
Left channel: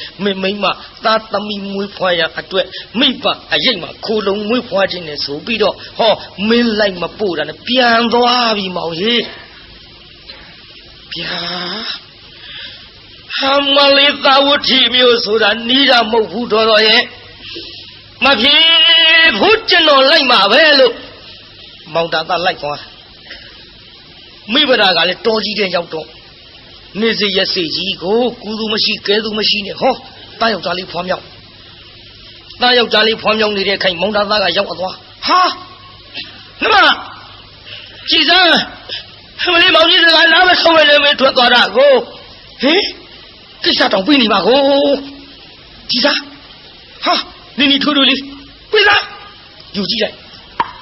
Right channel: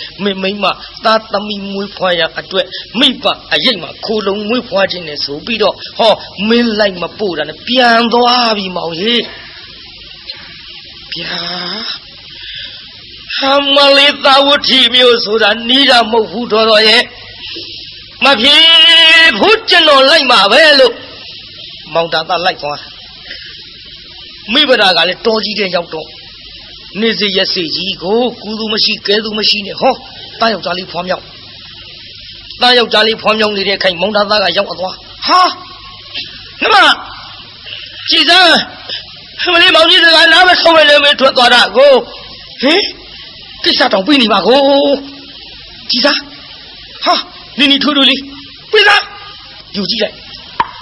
မိမသားသမီးမွေးဖွားရအတွက်မိဘအရိတ်မှာခိုးလုံးမွေးဖွားခြင်းနဲ့ဆိုပြီးတော့ဟောမင်းလိုက်မပို့တာနဲ့ပြန်သွားပြီမောင်ကြီးဗျာဟာမလေးသာဝတိမျိုးဆိုတာနီးတာမဟုတ်ဘူးတော်ရဲ့မဖြစ်ဘူးကျွန်တော်လိုက်မှာပဲလို့မောင်တာသားလိုက်သွားမိဘရာကလည်းတော်ကြီးတဲ့ရောက်တော့နေစီရက်စီကြီးကိုကူသူမရှိကဲသူမရှိနဲ့ဟောတားယောက်သားလေးဖွားမြောက်တားယောက်သားလေးဖွားမြောက်နေတဲ့ခိုင်မောင်တာသားကရောက်သွားဟာနှမကြည်စမ်းမလေးမောင်ကြီးကနားမဆုံးရလေမထွက်သွားတာကိုဟင်ကိစ္စတောင်ပြီးနေပါကိုကြည်စမ်းဟာနင်းနီထိုးထိုးလေးပြေးသားယူကြည့်လိုက်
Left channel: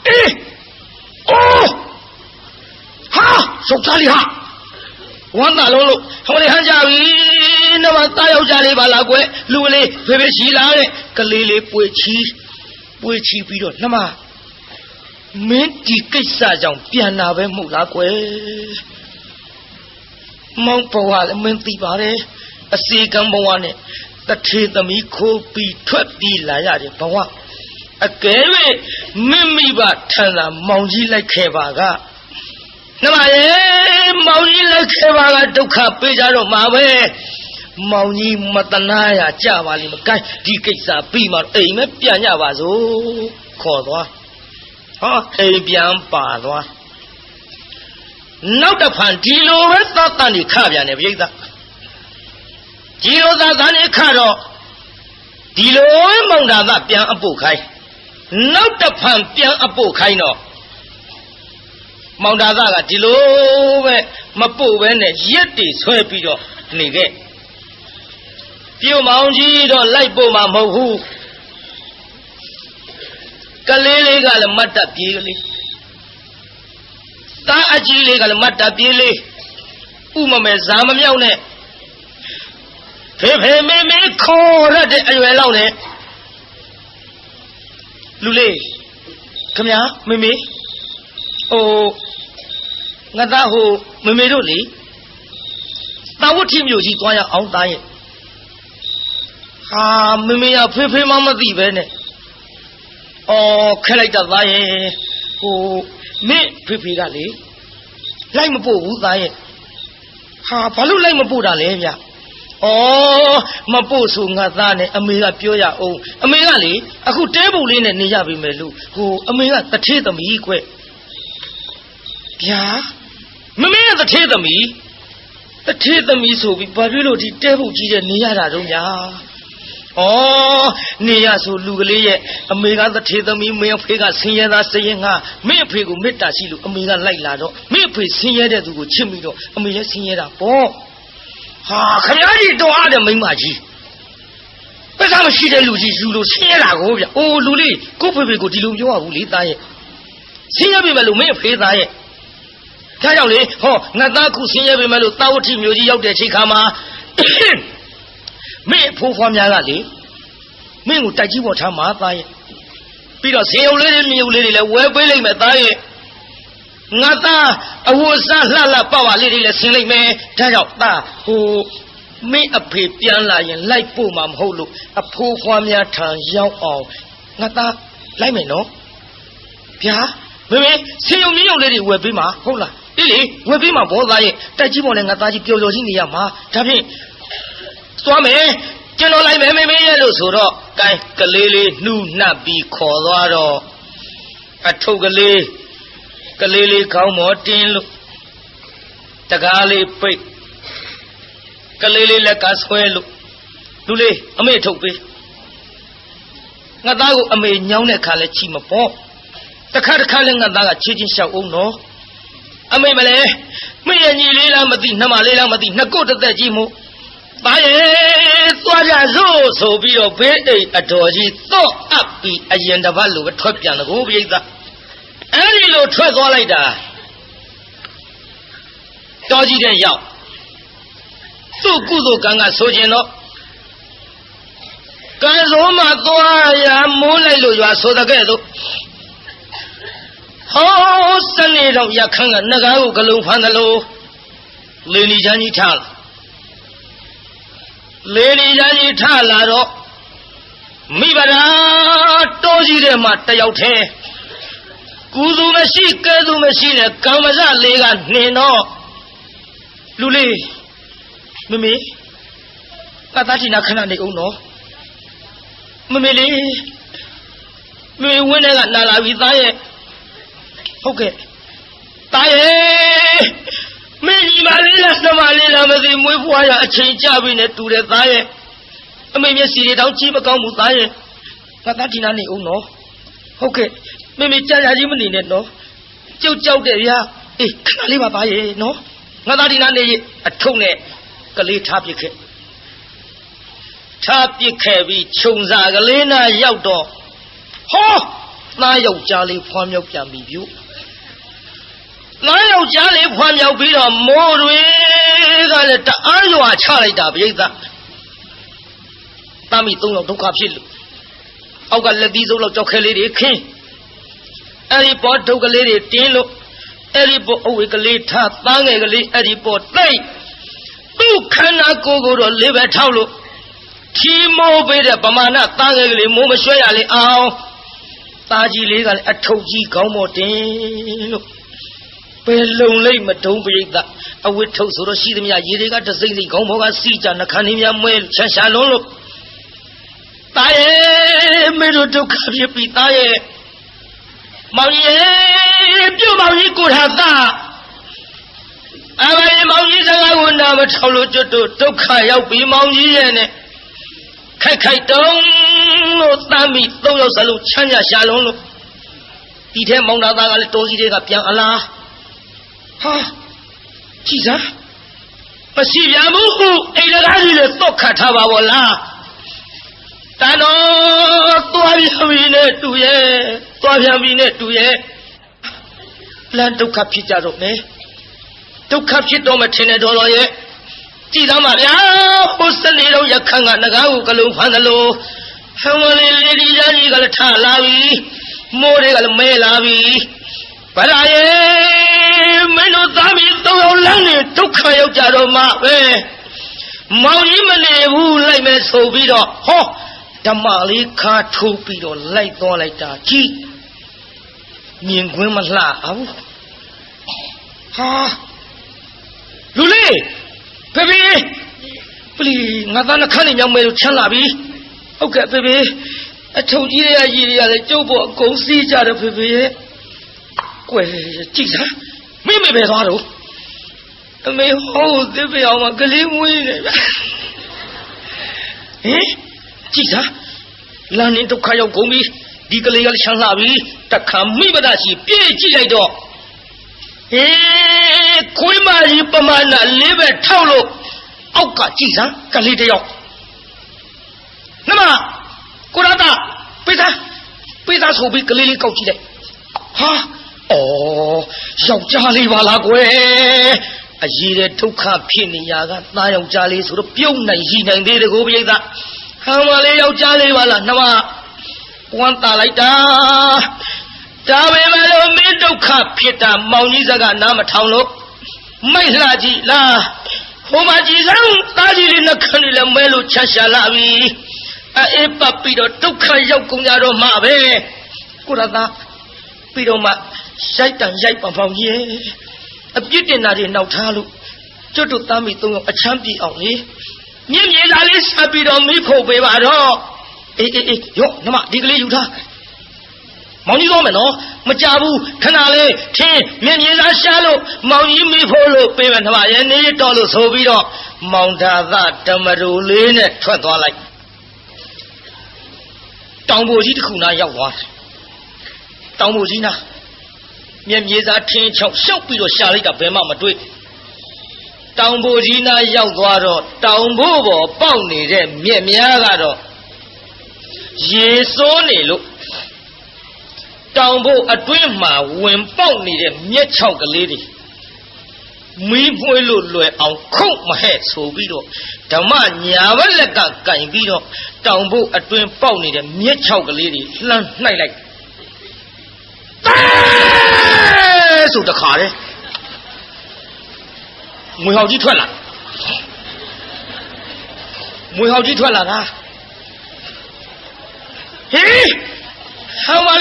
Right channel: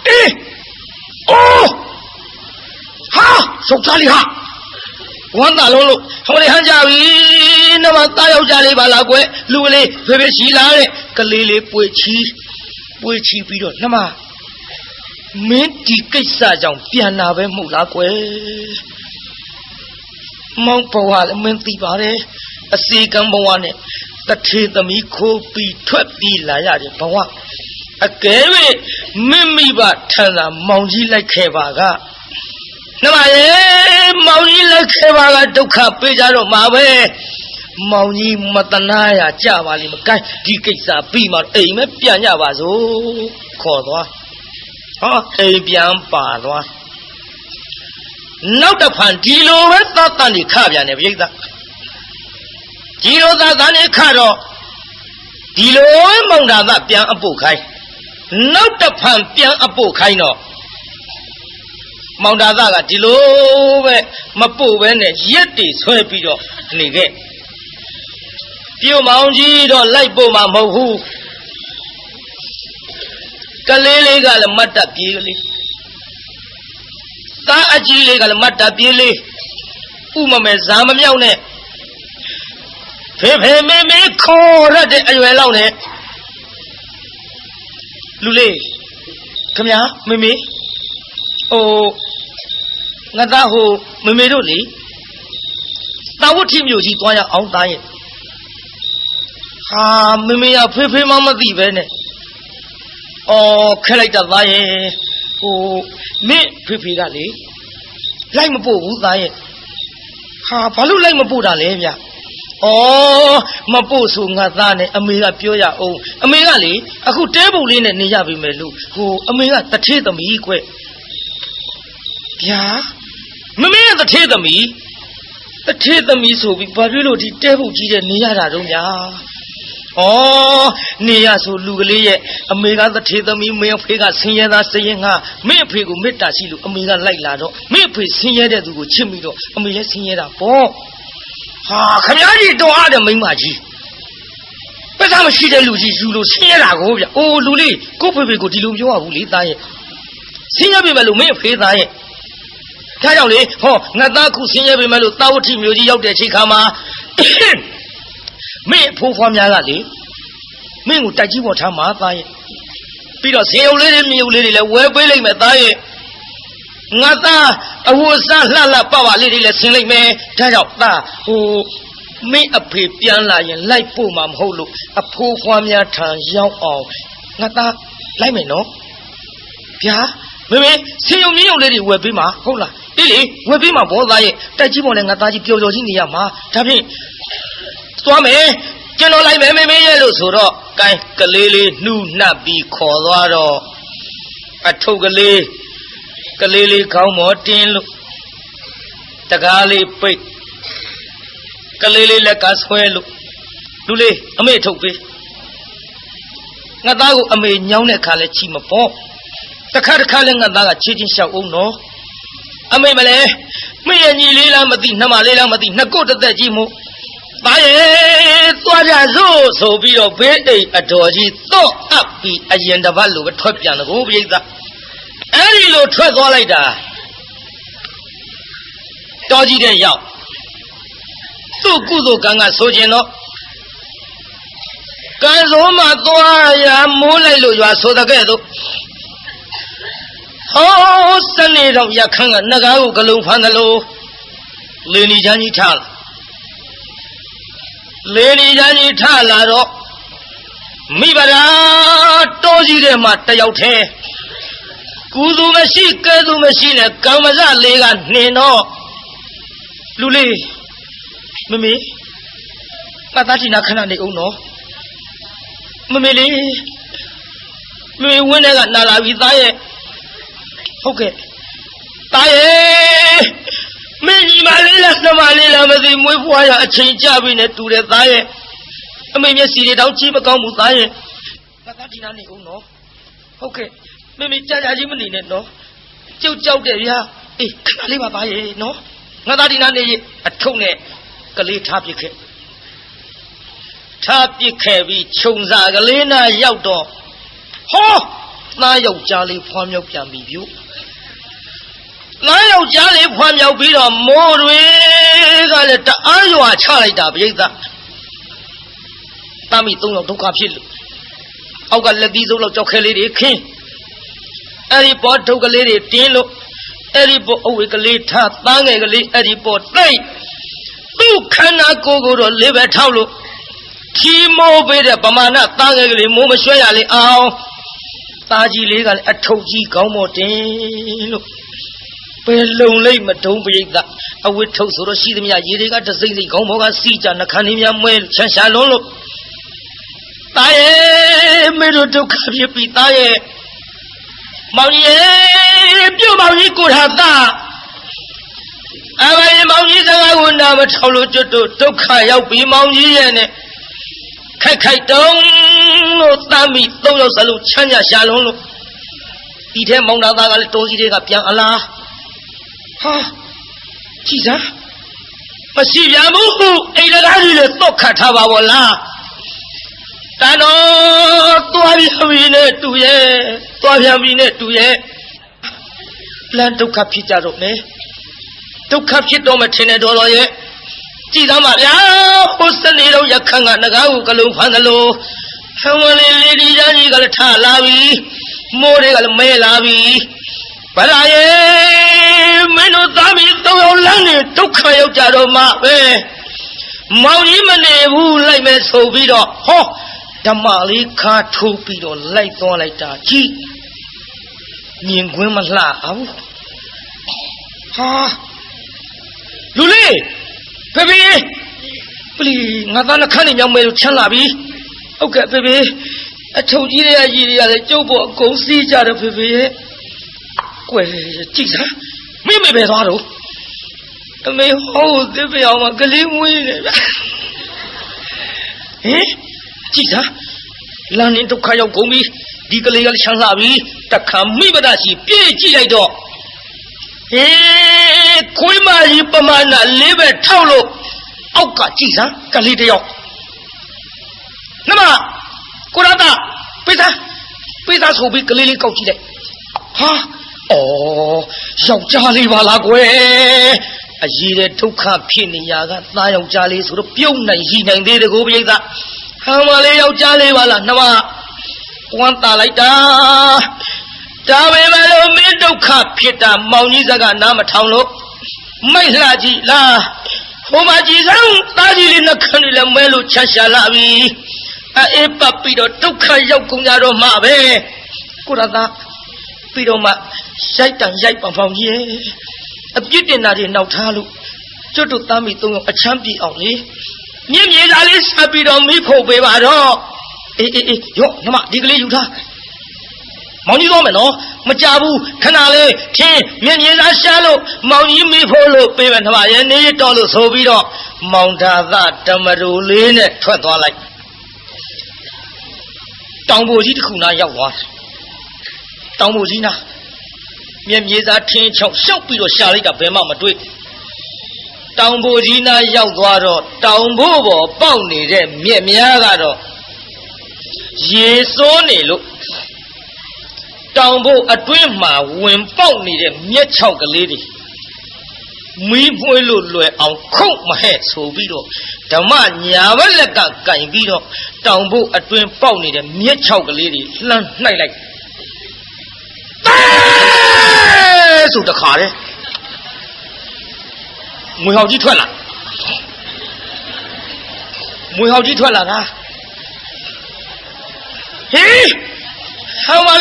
အေးအိုးဟာစုပ်သားလေးဟာဝမ်းသာလုံးလို့ဟောလေဟန်ကြပြီနမသားယောက်ျားလေးပါလားကွယ်လူကလေးဖေဖေရှိလာတဲ့ကလေးလေးပွေချီပြီးတော့နှမမင်းဒီကိစ္စကြောင့်ပြန်လာပဲမဟုတ်လားကွယ်မောင်ဘဝလည်းမင်းသိပါတယ်အစီကံဘဝနဲ့တထေသမီးခိုးပြီးထွက်ပြီးလာရတယ်ဘဝအကယ်၍မိဘထန်သာမောင်ကြီးလိုက်ခဲ့ပါကနှမရေမောင်ကြီးလိုက်ခဲ့ပါကဒုက္ခပေးကြတော့မှာပဲမောင်ကြီးမတနာရကြပါလိမ့်မကိုင်းဒီကိစ္စပြီးမှအိမ်မဲပြန်ကြပါစို့ခေါ်သွားဟောအိမ်ပြန်ပါသွားနောက်တစ်ဖန်ဒီလိုပဲသတ်တန်နေခပြန်တယ်ပြိဿဒီလိုသတ်တန်နေခတော့ဒီလိုမောင်တာသပြန်အပုတ်ခိုင်းနောက်တစ်ဖန်ပြန်အပုတ်ခိုင်းတော့မောင်တာသကဒီလိုပဲမပုတ်ပဲနဲ့ရက်တီဆွဲပြီးတော့နေခဲ့ပြုံမောင်ကြီးတော့လိုက်ပို့မှာမဟုတ်ဘူးကလေးလေးကလည်းမတ်တပ်ပြေးကလေးသားအကြီးလေးကလည်းမတ်တပ်ပြေးလေးဥမမဲဇာမမြောက်နဲ့ဖေဖေမေမေခေါ်ရတဲ့အရွယ်လောက်နဲ့လူလေးခမညာမေမေဟိုငါသားဟိုမေမေတို့လေတာဝတ်ထီမျိုးကြီးသွားရအောင်သားရဲ့ဟာမေမေကဖေဖေမသိပဲနဲ့အော်ခက်လိုက်တာသားရဲ့ဟိုမင်းဖေဖေကလေလိုက်မပို့ဘူးသားရဲ့ဟာဘာလို့လိုက်မပို့တာလဲဗျအော်မပို့ဆိုငါသားနဲ့အမေကပြောရအောင်အမေကလေအခုတဲပုံလေးနဲ့နေရပြီမယ်လို့ဟိုအမေကတထေးသမီးကွဗျာမမေကတထေးသမီးဆိုပြီးဘာဖြစ်လို့ဒီတဲပုံကြီးတဲ့နေရတာတော့ညာဩနေရဆိုလူကလေးရဲ့အမေကတထေသမီးမင်းအဖေကဆင်းရဲသားစရင်ငါမင်းအဖေကိုမေတ္တာရှိလို့အမေကလိုက်လာတော့မင်းအဖေဆင်းရဲတဲ့သူကိုချစ်မိတော့အမေလည်းဆင်းရဲတာပေါ့ဟာခမကြီးတော်အားတဲ့မိန်းမကြီးပက်သားမရှိတဲ့လူကြီးယူလို့ဆင်းရဲတာကိုဗျအိုးလူလေးကိုဖေဖေကိုဒီလိုပြောရဘူးလေသားရဲ့ဆင်းရဲပြီမဲ့လို့မင်းအဖေသားရဲ့ဒါကြောင့်လေဟောငါသားခုဆင်းရဲပြီမဲ့လို့တာဝတိမျိုးကြီးရောက်တဲ့အချိန်ခါမှာမင်းဖိုးဖွားများကလေမင်းကိုတိုက်ကြီးပေါ်ထားမှာသားရဲ့ပြီးတော့ဇေယုံလေးတွေမြေုံလေးတွေလည်းဝဲပေးလိုက်မယ်သားရဲ့ငါသားအဝတ်စားလှလှပပလေးတွေလည်းဆင်းလိုက်မယ်ဒါကြောင့်သားဟိုမင်းအဖေပြန်လာရင်လိုက်ပို့မှာမဟုတ်လို့အဖိုးဖွားများထံရောက်အောင်ငါသားလိုက်မယ်နော်ဗျာမေမေဇေယုံမြေုံလေးတွေဝဲပေးမှာဟုတ်လားအေးလေဝဲပေးမှာဘောသားရဲ့တိုက်ကြီးပေါ်လည်းငါသားကြီးပျော်ပျော်ကြီးနေရမှာဒါဖြင့်သွားမယ်ကျွန်တော်လိုက်မယ်မေမေရဲ့လို့ဆိုတော့ကိုင်းကလေးလေးနှူးနှပ်ပြီးခေါ်သွားတော့အထုပ်ကလေးခေါင်းပေါ်တင်းလို့တကားလေးပိတ်ကလေးလေးလက်ကဆွဲလို့လူလေးအမေထုတ်ပေးငါသားကိုအမေညောင်းတဲ့ခါလဲချီမပေါ့တခါလဲငါသားကချီချင်းလျှောက်အောင်နော်အမေမလဲ မင်းရဲ့ညီလေးလားမသိနှမလေးလားမသိနှစ်ကိုတစ်သက်ကြီးမို့သားရဲ့သွားကြစို့ဆိုပြီးတော့ဘေးအိမ်အတော်ကြီးတော့အပ်ပြီးအရင်တစ်ပတ်လိုပဲထွက်ပြန်တယ်ကိုပြိဿအဲ့ဒီလိုထွက်သွားလိုက်တာတော်ကြီးတဲ့ရောက်သူ့ကုသိုလ်ကံကဆိုခြင်းတော့ကံဆိုးမှသွားရမိုးလိုက်လို့ရွာဆိုတဲ့ကဲ့သို့ဟောစနေတော့ရခန်းကနဂါးကိုဂလုံးဖမ်းသလိုလေနီချမ်းကြီးထားလေနီချမ်းကြီးထားလာတော့မိဗရာတောကြီးတဲ့မှာတယောက်ထဲကုသိုလ်မရှိကဲသူမရှိနဲ့ကံမစလေးကနှင်တော့လူလေးမမေငါသားတိနာခဏနေအောင်နော်မမေလေးမမေဝင်းထဲကနာလာပြီသားရဲ့ဟုတ်ကဲ့သားရဲ့မင်းညီမလေးလားနှမလေးလားမသိမွေးဖွားရအချိန်ကြပြီနဲ့တူတယ်သားရဲ့အမေမျက်စီတွေတောင်ကြည့်မကောင်းဘူးသားရဲ့ငါသားတိနာနေအောင်နော်ဟုတ်ကဲ့မမေကြာကြာကြီးမနေနဲ့နော်ကျုပ်ကြောက်တယ်ဗျာအေးခဏလေးပါသားရဲ့နော်ငါသားတိနာနေအထုံနဲ့ကလေးထားပစ်ခဲ့ထားပစ်ခဲ့ပြီးခြုံစာကလေးနာရောက်တော့ဟောသားယောက်ျားလေးဖွားမြောက်ပြန်ပြီပြုသားယောက်ျားလေးဖွားမြောက်ပြီးတော့မိုးတွေကလည်းတအားရွာချလိုက်တာပြိဿတာမီ၃ယောက်ဒုက္ခဖြစ်လို့အောက်ကလက်သီးစုပ်လောက်ကြောက်ခဲလေးတွေခင်းအဲ့ဒီပေါ်ဒုက္ခလေးတွေတင်းလို့အဲ့ဒီပေါ်အဝေကလေးထားသားငယ်ကလေးအဲ့ဒီပေါ်တိတ်သူ့ခန္ဓာကိုယ်ကိုတော့လေးပဲထောက်လို့ချီမိုးပေးတဲ့ပမာဏသားငယ်ကလေးမိုးမရွှဲရလေအောင်သားကြီးလေးကလည်းအထုပ်ကြီးခေါင်းပေါ်တင်လို့ဘယ်လုံလိမ့်မတုံးပိဋကအဝတ်ထုတ်ဆိုတော့ရှိသမျှရေတွေကတစိမ့်စိမ့်ခေါင်းပေါ်ကစီးကြနှခမ်းလေးများမွဲဆန်းရှာလုံးလို့သားရဲ့မင်းတို့ဒုက္ခဖြစ်ပြီသားရဲ့မောင်ကြီးရဲ့ပြုတ်မောင်ကြီးကိုထားသားအဘိမောင်ကြီးစကားကိုနားမထောင်လို့ကျွတ်တို့ဒုက္ခရောက်ပြီမောင်ကြီးရဲ့နဲ့ခိုက်ခိုက်တုံးလို့တမ်းပြီး၃ယောက်စလုံးချမ်းသာရှာလုံးလို့ဒီထဲမောင်သားသားကလည်းတော်စီတွေကပြန်အလားဟာကြည်စားမရှိပြန်ဘူးအိမ်လကားကြီးလည်းတော့ခတ်ထားပါဘောလားတန်တော်သွားပြန်ပြီနဲ့တူရဲ့သွားပြန်ပြီနဲ့တူရဲ့လမ်းဒုက္ခဖြစ်ကြတော့မယ်ဒုက္ခဖြစ်တော့မထင်နဲ့တော်တော်ရဲ့ကြည်သားမဗျာဟိုစနေတော့ရခန်းကနဂါးကိုကလုံးဖမ်းသလိုဟံဝလေးလေးဒီသားကြီးကလည်းထလာပြီမိုးတွေကလည်းမဲလာပြီဗရာရဲ့မင်းတို့သားမီး၃ယောက်လမ်းနေဒုက္ခရောက်ကြတော့မှပဲမောင်ကြီးမနေဘူးလိုက်မယ်ဆိုပြီးတော့ဟောဓမ္မလေးခါထိုးပြီးတော့လိုက်သွားလိုက်တာကြီးမြင်ကွင်းမလှအောင်ဟာလူလေးဖေဖေပလီငါသားနှခမ်းနေမြောက်မဲလို့ချမ်းလာပြီဟုတ်ကဲ့ဖေဖေအထုပ်ကြီးတွေကကြီးတွေကလည်းကျုပ်ပေါ်အကုန်စီးကြတယ်ဖေဖေရဲ့ကွယ်ကြည့်စားမင်းမေပဲသွားတော့အမေဟောသစ်ပြောင်မှာကလေးမွေးနေဗျဟင်ကြည့်စားလမ်းနေဒုက္ခရောက်ကုန်ပြီဒီကလေးကလည်းချမ်းလာပြီတခါမိမဒရှိပြေးကြည့်လိုက်တော့ဟေးခွေးမကြီးပမာဏလေးပဲထောက်လို့အောက်ကကြည့်စမ်းကလေးတယောက်နမကိုရတာပိသားဆိုပြီးကလေးလေးကောက်ကြည့်လိုက်ဟာအော်ယောက်ျားလေးပါလားကွယ်အရေးတဲ့ဒုက္ခဖြစ်နေရကသားယောက်ျားလေးဆိုတော့ပြုတ်နိုင်ရှိနိုင်သေးတယ်ကိုပိသားဟံမလေးယောက်ျားလေးပါလားနမဝမ်းတာလိုက်တာဒါပဲမလို့မင်းဒုက္ခဖြစ်တာမောင်ကြီးစကားနားမထောင်လို့မိုက်လှကြည့်လားဟိုမှာကြည်စမ်းသားကြီးလေးနှခမ်းလေးလည်းမဲလို့ချမ်းရှာလာပြီအေးပတ်ပြီးတော့ဒုက္ခရောက်ကုန်ကြတော့မှပဲကိုရသားပြီးတော့မှရိုက်တန်ရိုက်ပါမောင်ကြီးအပြစ်တင်တာတွေနောက်ထားလို့ကျွတ်တို့သားမိသုံးယောက်အချမ်းပြေအောင်လေမြင့်မြေသားလေးဆက်ပြီးတော့မိဖို့ပေးပါတော့အေးရော့နမဒီကလေးယူထားမောင်ကြီးသွားမယ်နော်မကြဘူးခဏလေးထင်းမြင့်မြင့်သားရှာလို့မောင်ကြီးမိဖို့လို့ပေးမယ်နမရဲ့နေတော်လို့ဆိုပြီးတော့မောင်သာသဓမ္မရူလေးနဲ့ထွက်သွားလိုက်တောင်ပေါ်ကြီးတစ်ခုနာရောက်သွားတောင်ပေါ်ကြီးနာမြင့်မြင့်သားထင်းချောက်ရှောက်ပြီးတော့ရှာလိုက်တာဘယ်မှမတွေ့ တောင်ဖို့ကြီးနာရောက်သွားတော့တောင်ဖို့ပေါ်ပေါက်နေတဲ့မြက်များကတော့ရေစိုးနေလို့တောင်ဖို့အတွင်းမှာဝင်ပေါက်နေတဲ့မြက်6ကလေးတွေမီးပွေးလို့လွယ်အောင်ခုတ်မဟဲ့ဆိုပြီးတော့ဓမ္မညာဘက်လက်ကကင်ပြီးတော့တောင်ဖို့အတွင်းပေါက်နေတဲ့မြက်6ကလေးတွေလှမ်းနှိုက်လိုက်ဆိုတခါလေမွေဟောက်ကြီးထွက်လာမွေဟောက်ကြီးထွက်လာတာဟေးဟောပါ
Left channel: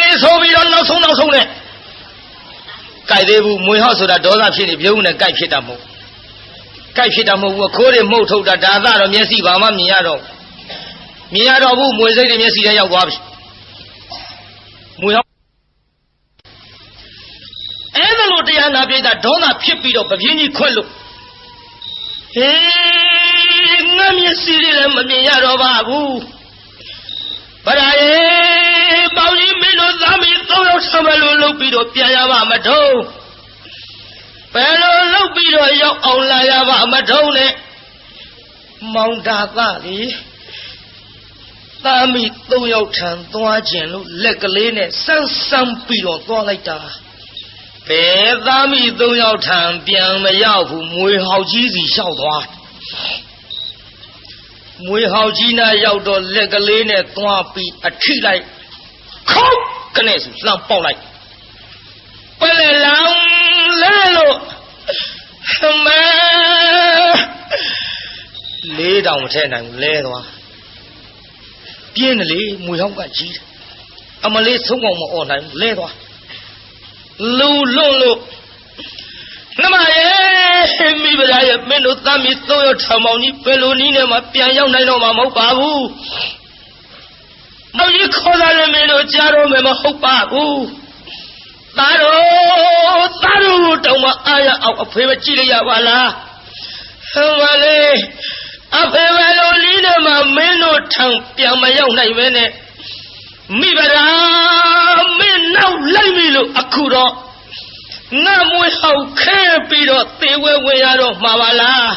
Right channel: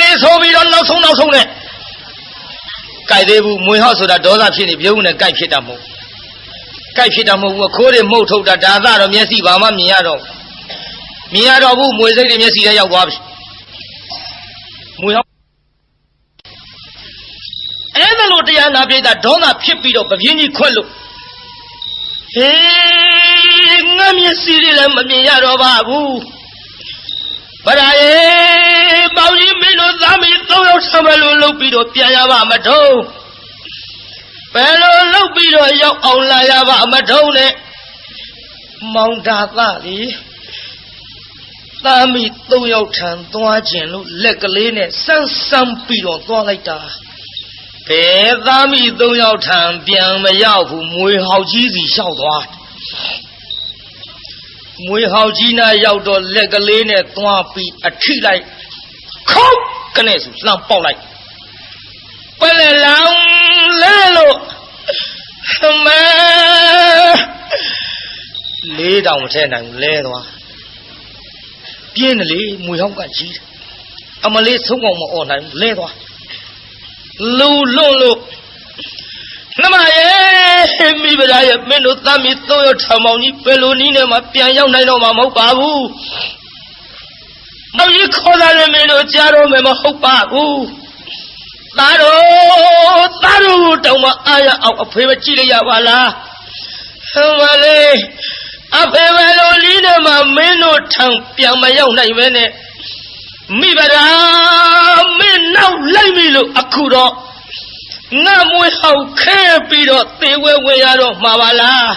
လေဆိုပြီးတော့နောက်ဆုံးနဲ့ကြိုက်သေးဘူးမွေဟောက်ဆိုတာဒေါသဖြစ်နေပြုံးနဲ့ကြိုက်ဖြစ်တာမဟုတ်ဘူးခိုးတွေမှုတ်ထုတ်တာဒါကတော့မျက်စိဘာမှမြင်ရတော့ဘူးမွေစိတ်တွေမျက်စိထဲရောက်သွားပြီမွေဟောက်အဲ့ဒါလို့တရားနာပြိတ္တာဒေါသဖြစ်ပြီးတော့ပပြင်းကြီးခွက်လို့ဟေးငါမျက်စိတွေလည်းမမြင်ရတော့ပါဘူးဗရာရေပေါင်းကြီးမင်းတို့သားမီး3ယောက်ဆံမလို့လုပ်ပြီးတော့ပြန်ရပါမထုံးဘယ်လိုလုပ်ပြီးတော့ရောက်အောင်လာရပါမထုံးနဲ့မောင်တာသားကြီးသားမီး3ယောက်ထံသွားခြင်းလို့လက်ကလေးနဲ့စမ်းပြီးတော့သွားလိုက်တာဘယ်သားမီး3ယောက်ထံပြန်မရောက်ဘူးမွေဟောက်ကြီးစီလျှောက်သွားမွေဟောက်ကြီးနာရောက်တော့လက်ကလေးနဲ့သွားပြီးအထိလိုက်ခုတ်ကနေစီလှမ်းပေါက်လိုက်ပလဲလောင်လဲလို့မလေးတောင်မထဲနိုင်ဘူးလဲသွားပြင်းတယ်လေမွေဟောက်ကကြီးအမလေးဆုံးအောင်မអော်နိုင်ဘူးလဲသွားလူလွတ်လို့နမရဲ့မိဗရာရဲ့မင်းတို့သားမီး3ယောက်ထောင်ပေါင်းကြီးဘယ်လိုနည်းနဲ့မှပြန်ရောက်နိုင်တော့မှာမဟုတ်ပါဘူး။မောင်ကြီးခေါ်လာတယ်မင်းတို့ကြားတော့မယ်မဟုတ်ပါဘူး။သားတို့တောင်မှအားရအောင်အဖေမကြည့်လိုက်ရပါလား။ဟောပါလေအဖေဘယ်လိုနည်းနဲ့မှမင်းတို့ထောင်ပြန်မရောက်နိုင်ပဲနဲ့မိဗရာမင်းနောက်လိုက်ပြီလို့အခုတော့ငါမွေးဟောက်ခဲပြီးတော့သေဝဲဝင်ရတော့မှာပါလား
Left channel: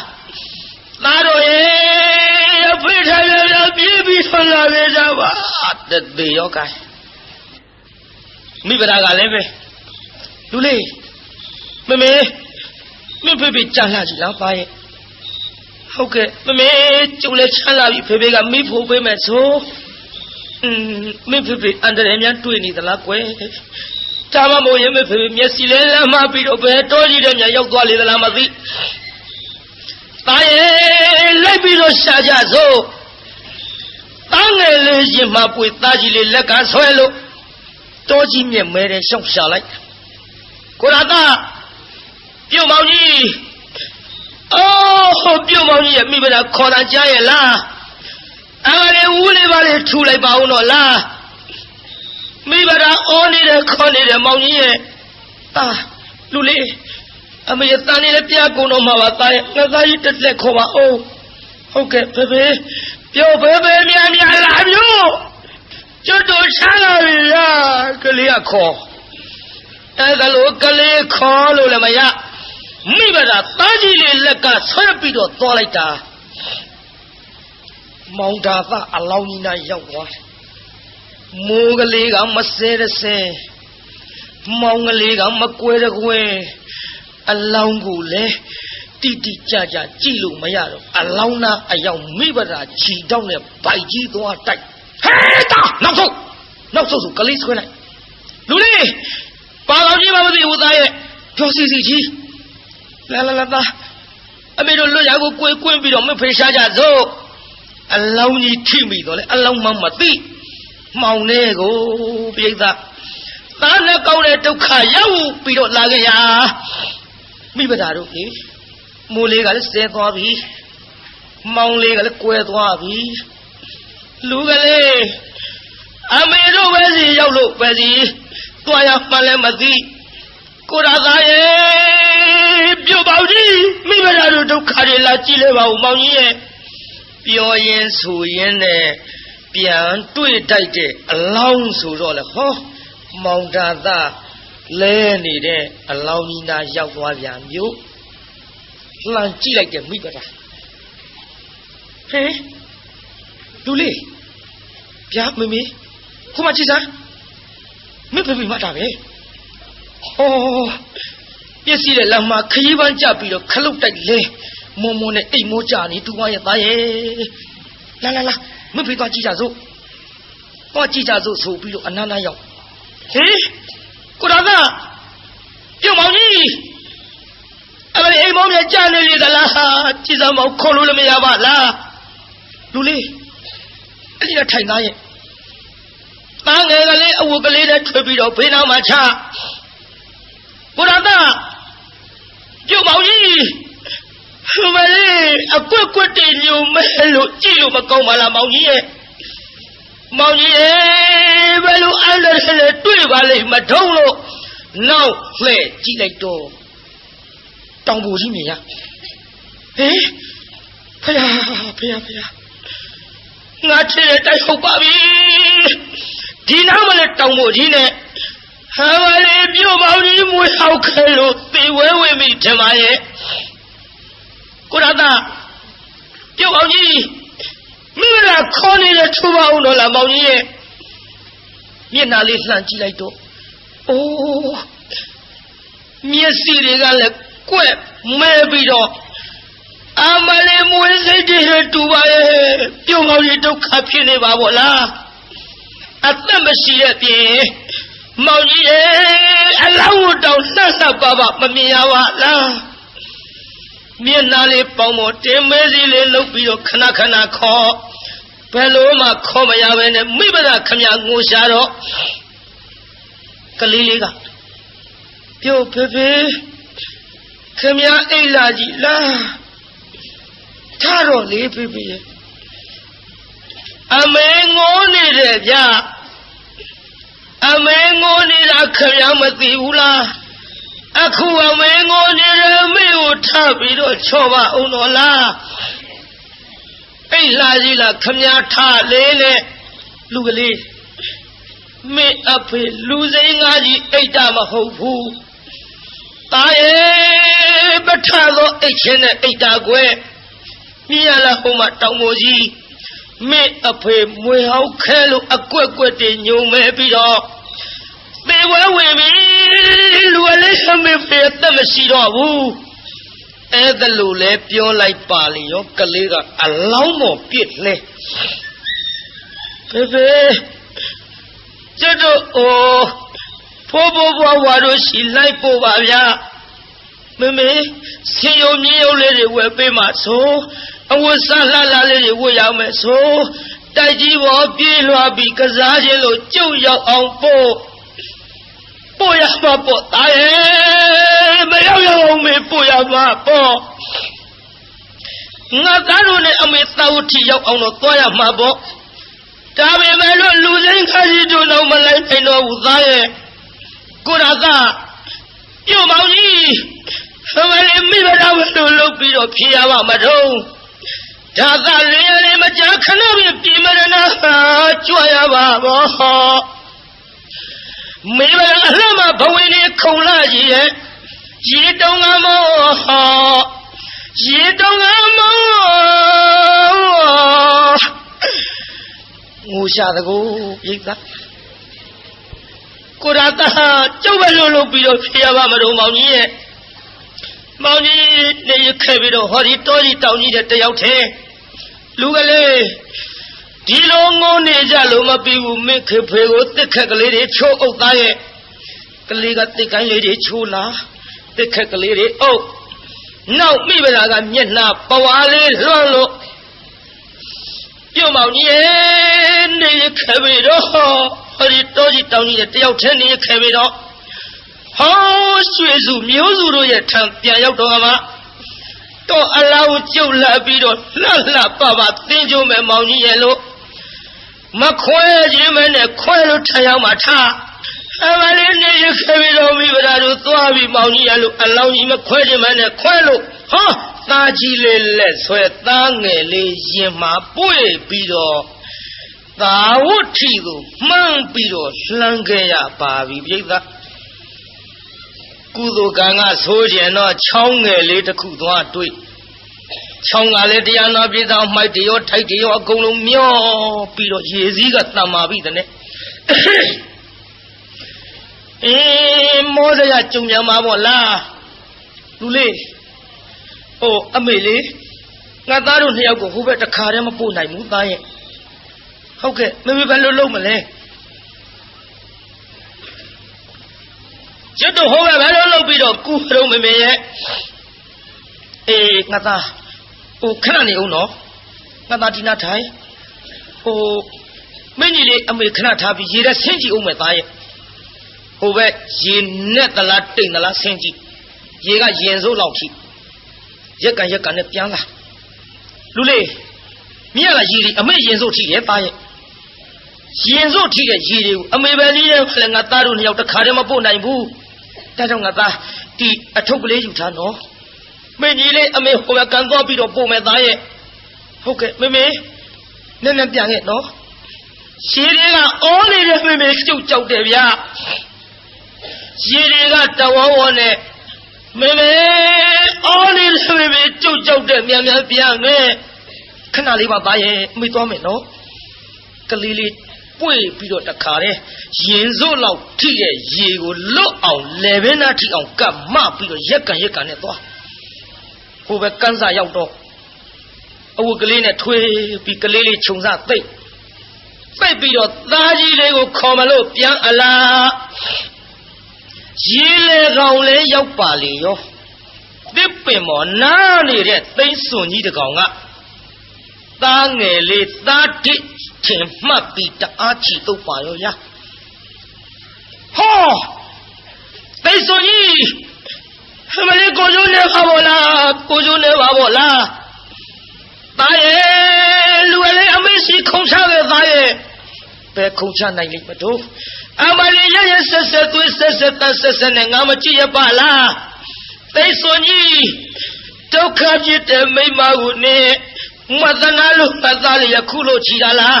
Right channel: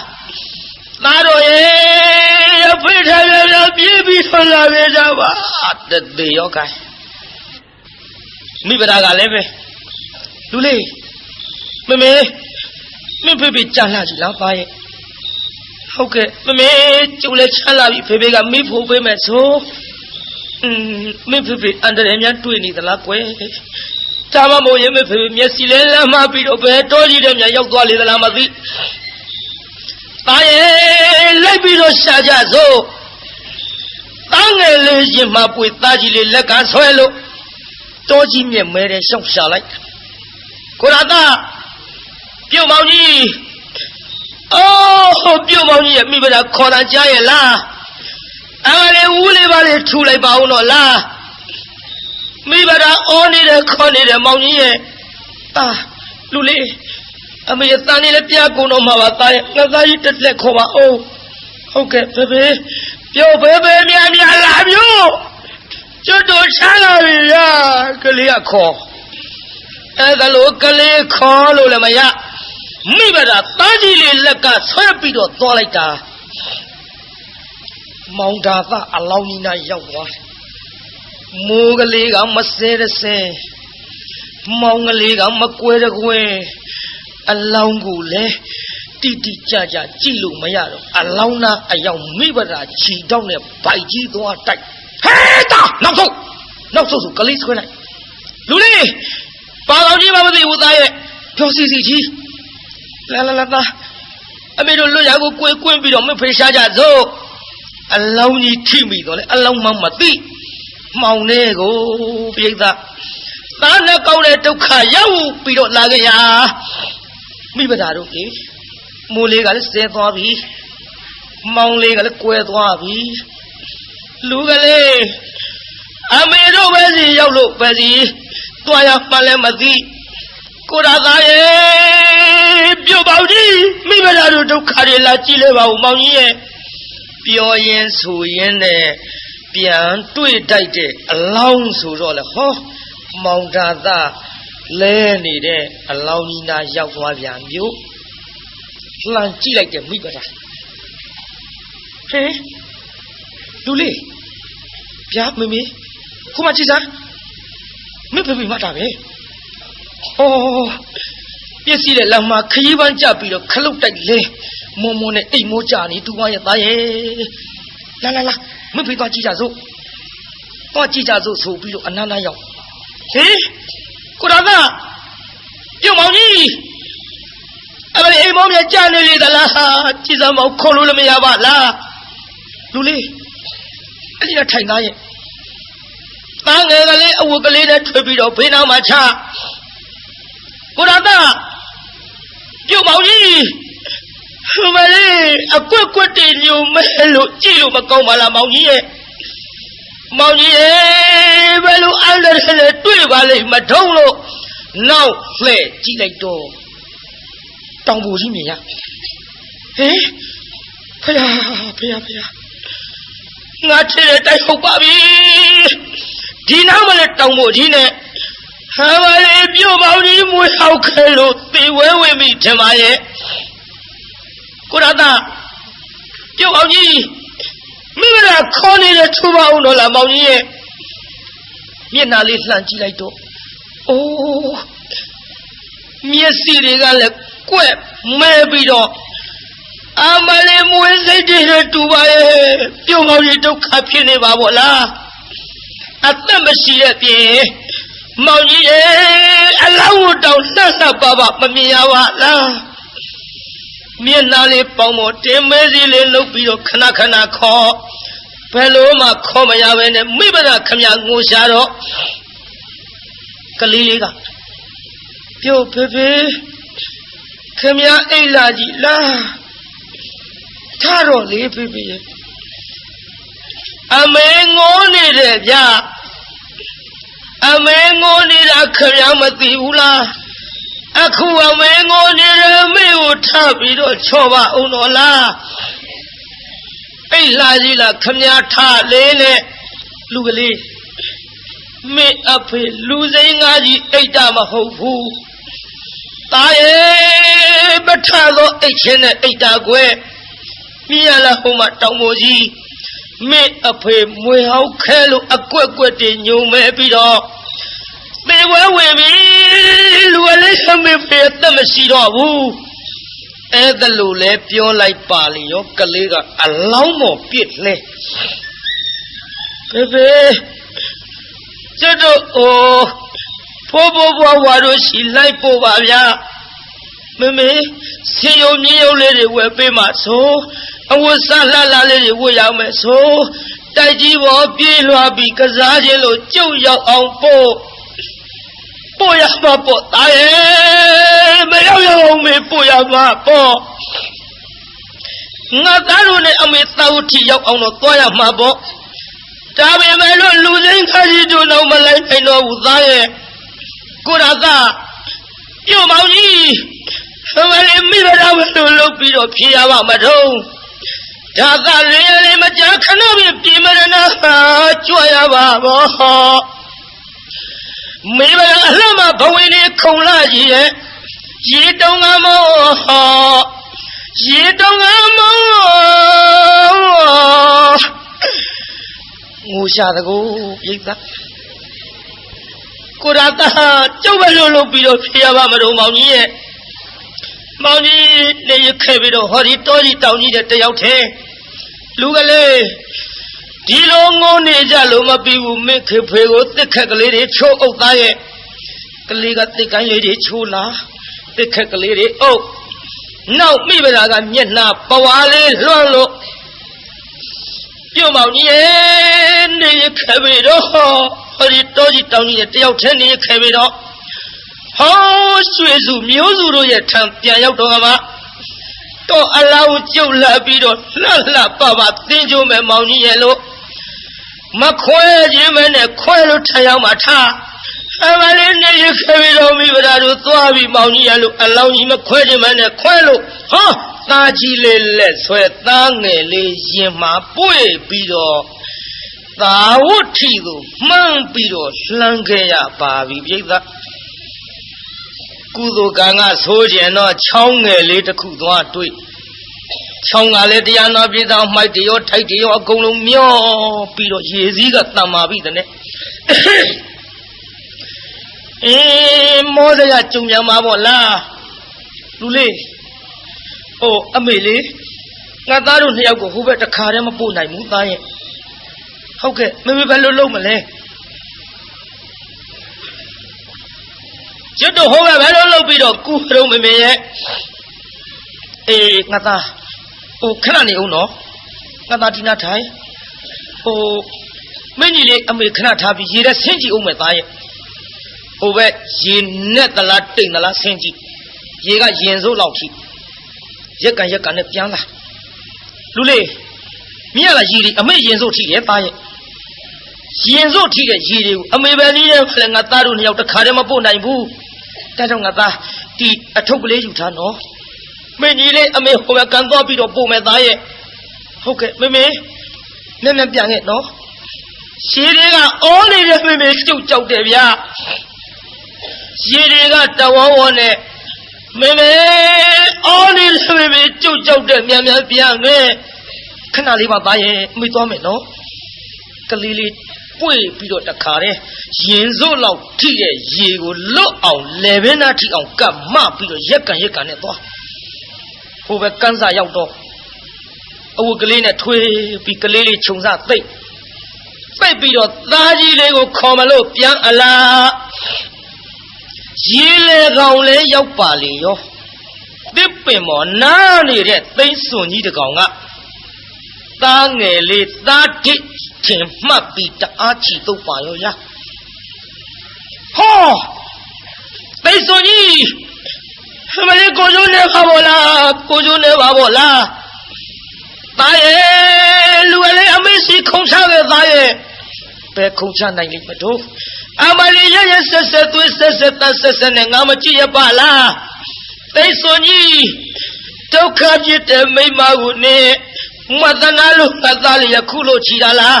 သားတော်ရဲ့အဖေထားရပြေးပြီးဆွလာပြေးကြပါတသေးရောကဲမိဗရာကလည်းပဲလူလေးမင်းဖေကြံလာပြီလားပါရဲ့ဟုတ်ကဲ့မမေကျုပ်လည်းချမ်းလာပြီဖေကမိဖို့ပေးမယ်ဆိုမင်းဖေအန်တရယ်များတွေ့နေသလားကွယ်ဒါမှမဟုတ်ရင်မဖေမျက်စိလဲလမ်းမပြီးတော့ဘယ်တော်ကြီးတဲ့များရောက်သွားလေသလားမသိတာရဲ့လိုက်ပြီးတော့ရှာကြစို့တားငယ်လေးချင်းမှပွေသားကြီးလေးလက်ကဆွဲလို့တော်ကြီးမြက်မဲတဲ့ရှောက်ရှာလိုက်ကိုရတာပြုံမောင်ကြီးအော်ပြုံမောင်ကြီးရဲ့မိဘသားခေါ်တာကြားရဲ့လားအားလေဦးလေးပါလေထူလိုက်ပါဦးတော့လားမိဘသားအော်နေတယ်ခေါ်နေတယ်မောင်ကြီးရဲ့လူလေးအမေတန်နေလည်းပြကုန်တော့မှာပါသားရဲ့ငါသားကြီးတက်လက်ခေါ်ပါအောင်ဟုတ်ကဲ့ဖေပြောဖေများလာမျိုးကျွတ်တို့ချမ်းလာပြီလားကလေးကခေါ်အဲ့ဒါလို့ကလေးခေါ်လို့လည်းမရမိဘသားသားကြီးလေးလက်ကဆွဲပြီးတော့သွားလိုက်တာမောင်ဒါသအလောင်းကြီးနာရောက်သွားတယ်မိုးကလေးကမစဲတစဲမောင်ကလေးကမကွဲတကွဲအလောင်းကိုလည်းတိကြကြည့်လို့မရတော့အလောင်းနာအယောင်မိဘသားချီတောင်းနဲ့ဗိုက်ကြီးသွားတိုက်ဟဲ့တာနောက်ဆုံးကလေးဆွဲလိုက်လူလေးပါလောင်ကြီးမသိဘူးသားရဲ့ပြောစီကြီးလာသားအမေတို့လွတ်ရကိုကွင်းပြီးတော့မဖေးရှားကြစို့အလောင်းကြီးထိမိတော့လေအလောင်းမသိမောင်နေကိုပြိဿသားနဲ့ကောက်တဲ့ဒုက္ခရောက်ပြီးတော့လာခဲ့ရမိဘသားတို့လေမိုးလေးကလည်းဆဲသွားပြီမောင်လေးကလည်းကွဲသွားပြီလူကလေးအမေတို့ပဲစီရောက်လို့ပဲစီတွားရမှလည်းမသိကိုရသားရဲ့ပြုတ်ပေါကြီးမိဘသားတို့ဒုက္ခတွေလာကြည့်လဲပါဦးမောင်ကြီးရဲ့ပြောရင်ဆိုရင်နဲ့ပြန်တွေ့တိုက်တဲ့အလောင်းဆိုတော့လေဟောမောင်ဒါသလဲနေတဲ့အလောင်းကြီးနာရောက်သွားပြန်မျိုး လှန်ကြည့်လိုက်တယ်မိဘသားဟဲ့လူလေးဗျာမမေခုမှကြည့်စမ်းမင်းဖေဖေမှတ်တာပဲဟောပြည့်စည်တဲ့လမ်းမှာခရီးပန်းကြပြီးတော့ခလုတ်တိုက်လဲမုံမုံနဲ့အိမ်မိုးကြနေသူမရဲ့သားရဲ့လာမင်းဖေသွားကြည့်ကြစို့တော့ကြည့်ကြစို့ဆိုပြီးတော့အနန္တရောက်ဟေးကိုတော်ကပြုံမောင်ကြီးအဲ့ဒီအိမ်မောင်ကြီးကြားနေလေသလားကြည်စမ်းမောင်ခေါ်လို့လည်းမရပါလားလူလေးအဲ့ဒီကထိုင်သားရဲ့တားငယ်ကလေးအဝတ်ကလေးနဲ့ထွေပြီးတော့ဘေးနားမှာချကိုတော်ကပြုံမောင်ကြီးမလေးအကွက်ကွက်တင်ညုံမဲလို့ကြည့်လို့မကောင်းပါလားမောင်ကြီးရဲ့မောင်ကြီးဘယ်လိုအဲ့ဒါလည်းတွေ့ပါလိမ့်မထုံးလို့နောက်လှဲ့ကြည့်လိုက်တော့တောင်ပူကြီးမြင်ရဟေးဖယားငါချစ်တဲ့တိုက်ဟုတ်ပါပြီဒီနောက်မှလည်းတောင်ပူကြီးနဲ့ဟာမလေးပြုံမောင်ကြီးမွေးဟောက်ခဲလို့သေဝဲဝင်ပြီထင်ပါရဲ့ကိုရတာပြုံမောင်ကြီးမိမလားခေါ်နေတဲ့ထူပါအောင်တော့လားမောင်ကြီးရဲ့မျက်နှာလေးလှမ်းကြည့်လိုက်တော့အိုးမျက်စိတွေကလည်းကွက်မဲပြီးတော့အမလေးမွေးစိတ်တွေတူပါရဲ့ပြုံမောင်ကြီးဒုက္ခဖြစ်နေပါဗောလားအသက်မရှိတဲ့ပြင်မောင်ကြီးရဲ့အလောင်းတောင်လှဆပ်ပါမမြင်ရပါလားမျက်နှာလေးပေါင်းပေါ်တင်းမဲစီလေးလှုပ်ပြီးတော့ခဏခေါ်ဘယ်လိုမှခေါ်မရပဲနဲ့မိဘကခမငိုရှာတော့ကလေးလေးကပြုတ်ဖေဖေခမအိတ်လာကြီးလားထားတော့လေဖေဖေအမေငိုနေတယ်ဗျအမေငိုနေတာခမမသိဘူးလားအခုအမေငိုနေတယ်မေကိုထားပြီးတော့ချော့ပါအောင်တော့လားအိတ်လာကြီးလားခမထားလေးနဲ့လူကလေးမေအဖေလူစိမ်းငါကြီးအိတ်တာမဟုတ်ဘူးတာရဲ့ပထသောအိတ်ချင်းနဲ့အိတ်တာကွယ်မြင်ရလားဟိုမှာတောင်ပေါ်ကြီးမေအဖေမွေဟောက်ခဲလို့အကွက်ကွက်တင်ညုံမဲပြီးတော့သေဝဲဝင်ပြီလူကလေးဆမေဖေအသက်မရှိတော့ဘူးအဲ့ဒါလို့လဲပြောလိုက်ပါလေရောကလေးကအလောင်းမော်ပြစ်လဲဖေဖေကျတော့ဖိုးဘွားဝါတို့ရှိလိုက်ပို့ပါဗျာမမေစီယုံကြီးရုပ်လေးတွေဝယ်ပေးမှဆိုအဝတ်စားလှလှလေးတွေဝတ်ရမယ်ဆိုတိုက်ကြီးပေါ်ပြေးလွှားပြီးကစားခြင်းလို့ကြုတ်ရောက်အောင်ပို့ရမှာပေါ့တာရဲ့မရောက်အောင်မေပို့ရမှာပေါ့ငါသားတို့နဲ့အမေသာဝတိရောက်အောင်တော့သွားရမှာပေါ့ဒါပေမဲ့လို့လူစိမ်းခါကြီးတို့တော့မလိုက်နိုင်တော့ဘူးသားရဲ့ကိုရကပြုံမောင်ကြီးအမလေးမိဘတော်တို့လုပ်ပြီးတော့ဖြေရပါမတော့ဒါကလေးမကြခဏပြပြင်မရနာကြွရပါဘောမိဘအလှမဘဝင်းခုံလာကြီးရဲ့ရေတုံးကမောရေတုံးကမောငိုရှာတကူပြိဿကိုရတာကျုပ်ပဲလို့ပြီးတော့ဖြေရပါမတော့မောင်ကြီးရဲ့မောင်ကြီးနေရခဲ့ပြီးတော့ဟောဒီတောကြီးတောင်ကြီးတဲ့တယောက်ထဲလူကလေးဒီလိုငိုနေကြလို့မပြီးဘူးမိခေဖေကိုတစ်ခက်ကလေးတွေချိုးအုပ်သားရဲ့ကလေးကတစ်ကိုင်းလေးတွေချိုးလာတစ်ခက်ကလေးတွေအုပ်နောက်မိဗလာကမျက်နှာပဝါလေးလွှမ်းလို့ပြုံမောင်ကြီးနေရခဲ့ပြီးတော့ဟောဒီတောကြီးတောင်ကြီးတဲ့တယောက်ထဲနေရခဲ့ပြီးတော့ဟောဆွေစုမျိုးစုတို့ရဲ့ထံပြန်ရောက်တော့မှတော့အလောင်းကျုပ်လာပြီးတော့လှပသင်ကြုံမဲ့မောင်ကြီးရဲ့လို့မခွဲခြင်းမဲနဲ့ခွဲလို့ထရောက်မှထားအမလေးနေရခဲ့ပြီးတော့မိဗလာတို့သွားပြီးမောင်ကြီးရဲ့လို့အလောင်းကြီးမခွဲခြင်းမဲနဲ့ခွဲလို့ဟောသားကြီးလေးလက်ဆွဲသားငယ်လေးရင်မှာပွေပြီးတော့သာဝတ္ထိကိုမှန်းပြီးတော့လှမ်းခဲ့ရပါပြီပြိဿ ကုသိုလ်ကံကဆိုးကျင်တော့ချောင်းငယ်လေးတစ်ခုသွားတွေ့ချောင်းကလည်းတရားနာပြည်သားမိုက်တရောထိုက်တရောအကုန်လုံးမျောပြီးတော့ရေစည်းကတန်မာပြီတဲ့မောစရကြုံရမှာပေါ့လားလူလေးဟိုအမေလေးငါသားတို့နှစ်ယောက်ကိုဟိုဘက်တခါတည်းမပို့နိုင်ဘူးသားရဲ့ဟုတ်ကဲ့မမေဘယ်လိုလုပ်မလဲကျွတ်တော့ဟိုဘက်ဘယ်လိုလုပ်ပြီးတော့ကူတော့မမေရဲ့ငါသားဟိုခဏနေဦးနော်ငါသားဒီနာထိုင်ဟိုမင်းကြီးလေးအမေခဏထားပြီးရေထဲဆင်းကြည့်ဦးမယ်သားရဲ့ဟိုဘက်ရေနဲ့သလားတိတ်သလားဆင်းကြည့်ရေကရင်စိုးလောက်ကြည့်ရက်ကန်နဲ့ပြန်လာလူလေးမြင်ရလားရေဒီအမေရင်စိုးထိရဲ့သားရဲ့ရင်စိုးထိတဲ့ရေတွေကိုအမေပဲနည်းနဲ့လည်းငါသားတို့နှစ်ယောက်တခါတည်းမပို့နိုင်ဘူးဒါကြောင့်ငါသားဒီအထုပ်ကလေးယူထားနော်မင်းကြီးလေးအမေဟိုဘက်ကန်သွားပြီးတော့ပို့မယ်သားရဲ့ဟုတ်ကဲ့မမေနဲ့ပြန်ခဲ့နော်ရေတွေကအော်နေတဲ့မမေကျုပ်ကြောက်တယ်ဗျာရေတွေကတဝေါဝေါနဲ့မမေအော်နေတဲ့မမေကျုပ်ကြောက်တယ်မြန်ပြန်မယ်ခဏလေးပါသားရဲ့မိသွားမယ်နော်ကလေးလေးပွေပြီးတော့တခါတည်းရင်စိုးလောက်ထိတဲ့ရေကိုလွတ်အောင်လေဘင်းသားထိအောင်ကပ်မပြီးတော့ရက်ကန်နဲ့သွားဟိုဘက်ကန်းစာရောက်တော့အဝတ်ကလေးနဲ့ထွေးပြီးကလေးလေးခြုံစသိပ်ပြီးတော့သားကြီးလေးကိုခေါ်မလို့ပြန်အလားရေလေကောင်လေးရောက်ပါလေရောတစ်ပင်မော်နားနေတဲ့သိန်းစွန်ကြီးတကောင်ကသားငယ်လေးသားဒိတ်ထင်မှတ်ပြီးတအားချီတုပ်ပါရောရဟောသိန်းစွန်ကြီးမလေးကိုကျိုးနေပါဘောလားသားရဲ့လူလေးအမေစီခုံချခဲ့သားရဲ့ဘယ်ခုံချနိုင်လိမ့်မတို့အမလေးရဲ့ဆက်သွေးဆက်နဲ့ငါမကြည့်ရပါလားသိစွန်ကြီးဒုက္ခဖြစ်တဲ့မိမကိုနေမသနာလို့ပတ်သားလေးရခုလို့ချီတာလား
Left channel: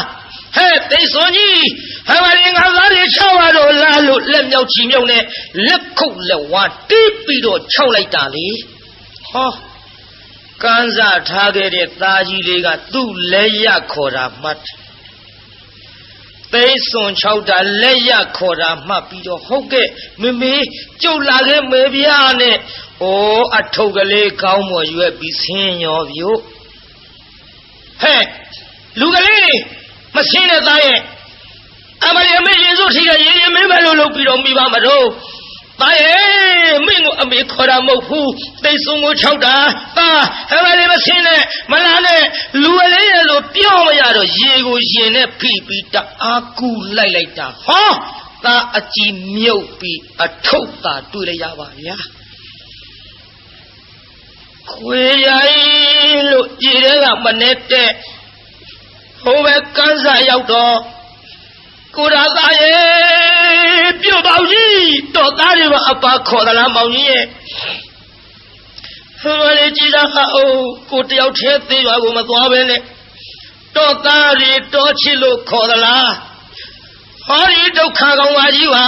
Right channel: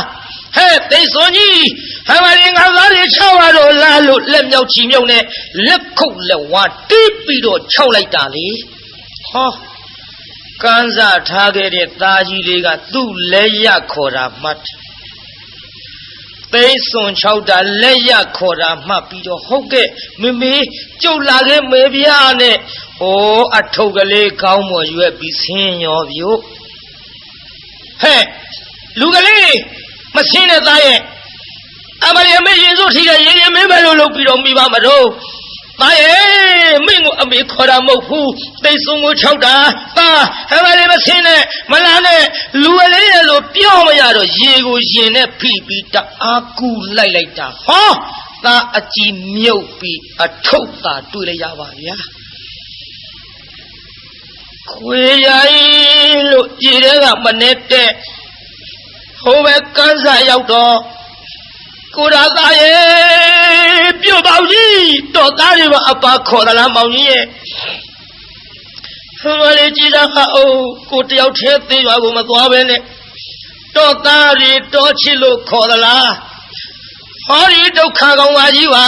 ဟဲ့သိစွန်ကြီးအမလေးငါသားလေးချောက်ရတော့လားလို့လက်မြောက်ချီမြုံနဲ့လက်ခုတ်လက်ဝါတီးပြီးတော့ခြောက်လိုက်တာလေဟောကန်းစားထားခဲ့တဲ့သားကြီးလေးကသူ့လက်ရခေါ်တာမှတ်သိစွန်6တာလက်ရခေါ်တာမှတ်ပြီးတော့ဟုတ်ကဲ့မမေကျုပ်လာခဲ့မေပြားနဲ့အထုပ်ကလေးကောင်းမွန်ရွက်ပြီးဆင်းရောပြို့ဟဲ့လူကလေးမဆင်းတဲ့သားရဲ့အမလေးအမေရင်စိုးထိတဲ့ရင်မင်းပဲလို့လုပ်ပြီးတော့မိပါမတော့သားရဲ့မင်းကိုအမေခေါ်တာမဟုတ်ဘူးသိစွန်ကို6တာသားအမလေးမဆင်းနဲ့မလာနဲ့လူကလေးရဲ့လို့ပြောမရတော့ရေကိုရင်နဲ့ဖိပြီးတအားကူလိုက်တာဟောသားအကြည့်မြုပ်ပြီးအထုပ်သာတွေ့လိုက်ရပါဗျာခွေရိုင်းလို့ပြည်ထဲကမနေတဲ့ဟိုဘက်ကန်းစာရောက်တော့ကိုရာသားရဲ့ပြုတ်ပေါင်းကြီးတော်သားတွေပါအပါခေါ်သလားမောင်ကြီးရဲ့ဟိုလေကြည်တာကိုတယောက်တည်းသေးပါကိုမသွားပဲနဲ့တော်သားတွေတော်ချစ်လို့ခေါ်သလားဟောဒီဒုက္ခကောင်ပါကြီးပါ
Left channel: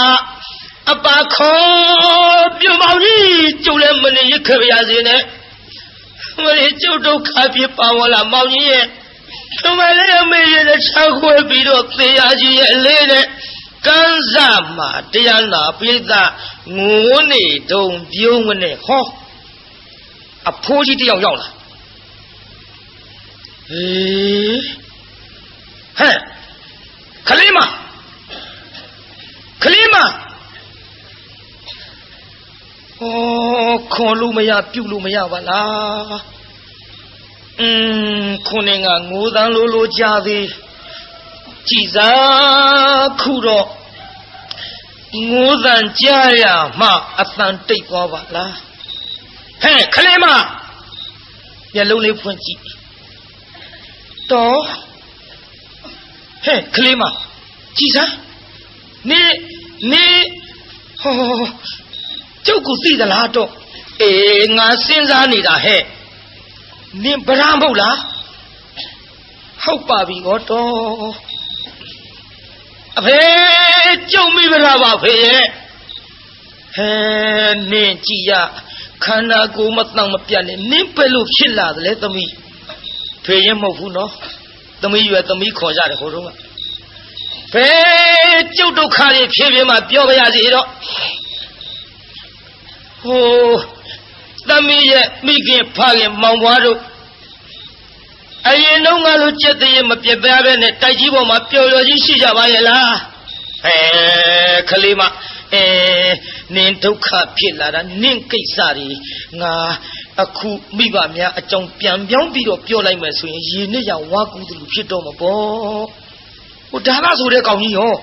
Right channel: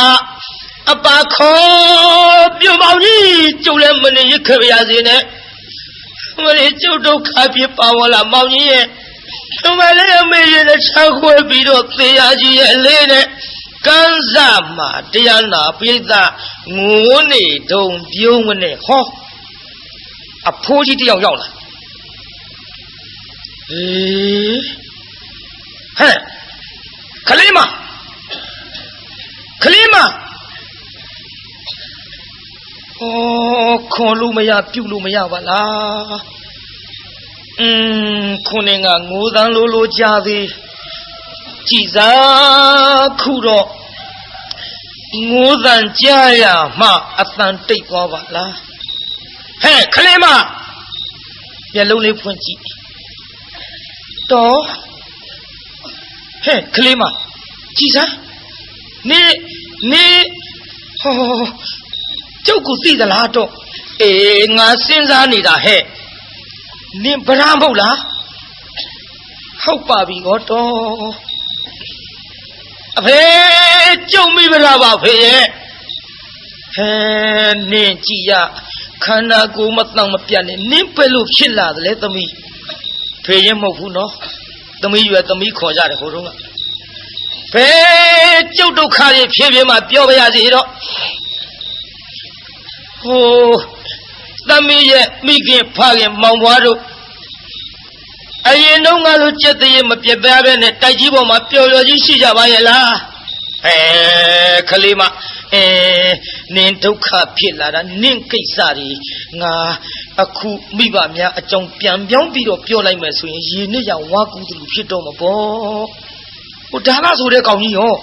အပါခေါ်ပြုတ်ပေါင်းကြီးကျုပ်လည်းမနေရခဲ့ရစေနဲ့ဟိုလေကျုပ်ဒုက္ခဖြစ်ပါဝလားမောင်ကြီးရဲ့ဒီမလေးအမေရဲ့ချောက်ခွဲပြီးတော့သေရကြီးရဲ့အလေးနဲ့ကန်းစားမှာတရားနာပိဋကငိုးနေတုံပြုံးမနဲ့ဟောအဖိုးကြီးတယောက်ရောက်လာဟဲ့ခလေးမခေါ်လို့မရပြုတ်လို့မရပါလားခုနေကငိုးသံလိုကြသေးကြည်စားခုတော့ငိုးသံကြားရမှအတန်တိတ်သွားပါလားဟဲ့ခလေးမမျက်လုံးလေးဖွင့်ကြည့်တော့ဟဲ့ခလေးမကြည်စားနေဟောကျုပ်ကိုသိသလားတော့ငါစဉ်းစားနေတာဟဲ့နင်ဗရာမဟုတ်လားဟုတ်ပါပြီဟောတော့အဖေကျုံမိဗရာပါဖေရဲ့ Nin Gia Kana go Matang Piani, Nimpelu Killa, let me pay him of Huno. The me you at the me call that Horunga. Pay Jodo Kari, Chivima, Pioya Zero. Oh, the me get Pali Mawado. I know my look the Mapiaban and Tajibo Mapio Sijavayala. Kalima. Nintoka Pilla, Ninkisari, Na, a coup, Mibamia, a junk pian, Biombi, Piola Messi, Yinia, Waku to Pitoma. Udana so they call me home.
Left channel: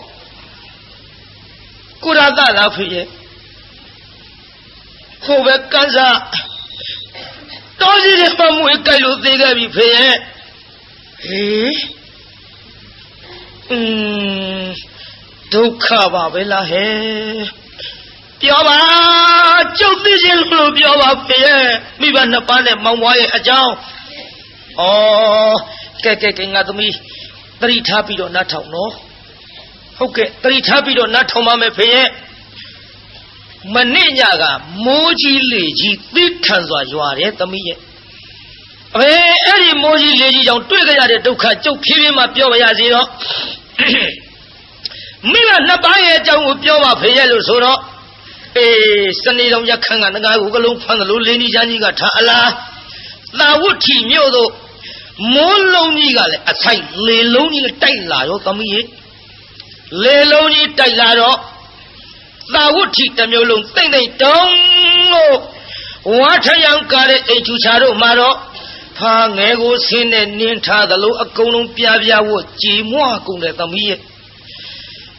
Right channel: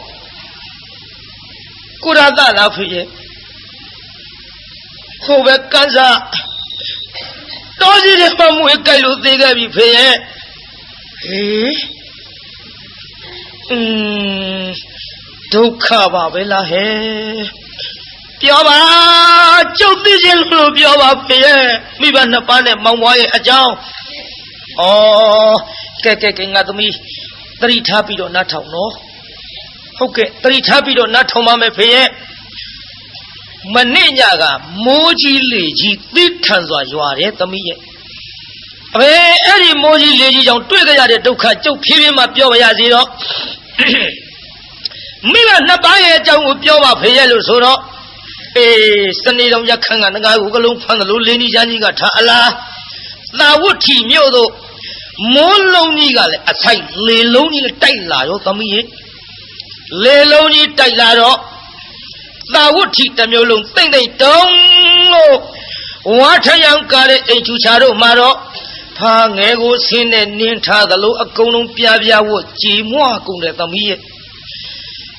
Could I that laugh here? Over Kaza. Don't you just come with Kalu think I be fair? Duka Babela he Pioba Chopijil Pioba Pie Miban Napane Mawai Ajao Oh Keke at me 3 Tapido Nato no Okay 3 Tapido Nato Mame Pie Maninaga Moji Liji Bitanzwa Juare to me Any Moji Liji don't do the Duka Chopima Pioba Zero Mila Nabaya Jang Pioba Payelo Soro, Sunday on Yakan and the guy who belongs on the Lulini Janiga Tala. Now what team Yodo? More lonely a sight, lay lonely Tailaro, Tommy. Lay lonely Tailaro. Now what team them you long think they don't know. What a young car a Chusaro Maro. Pang ego sin and Ninta the low a column Piavia wood, Jimoa Kunda Tommy.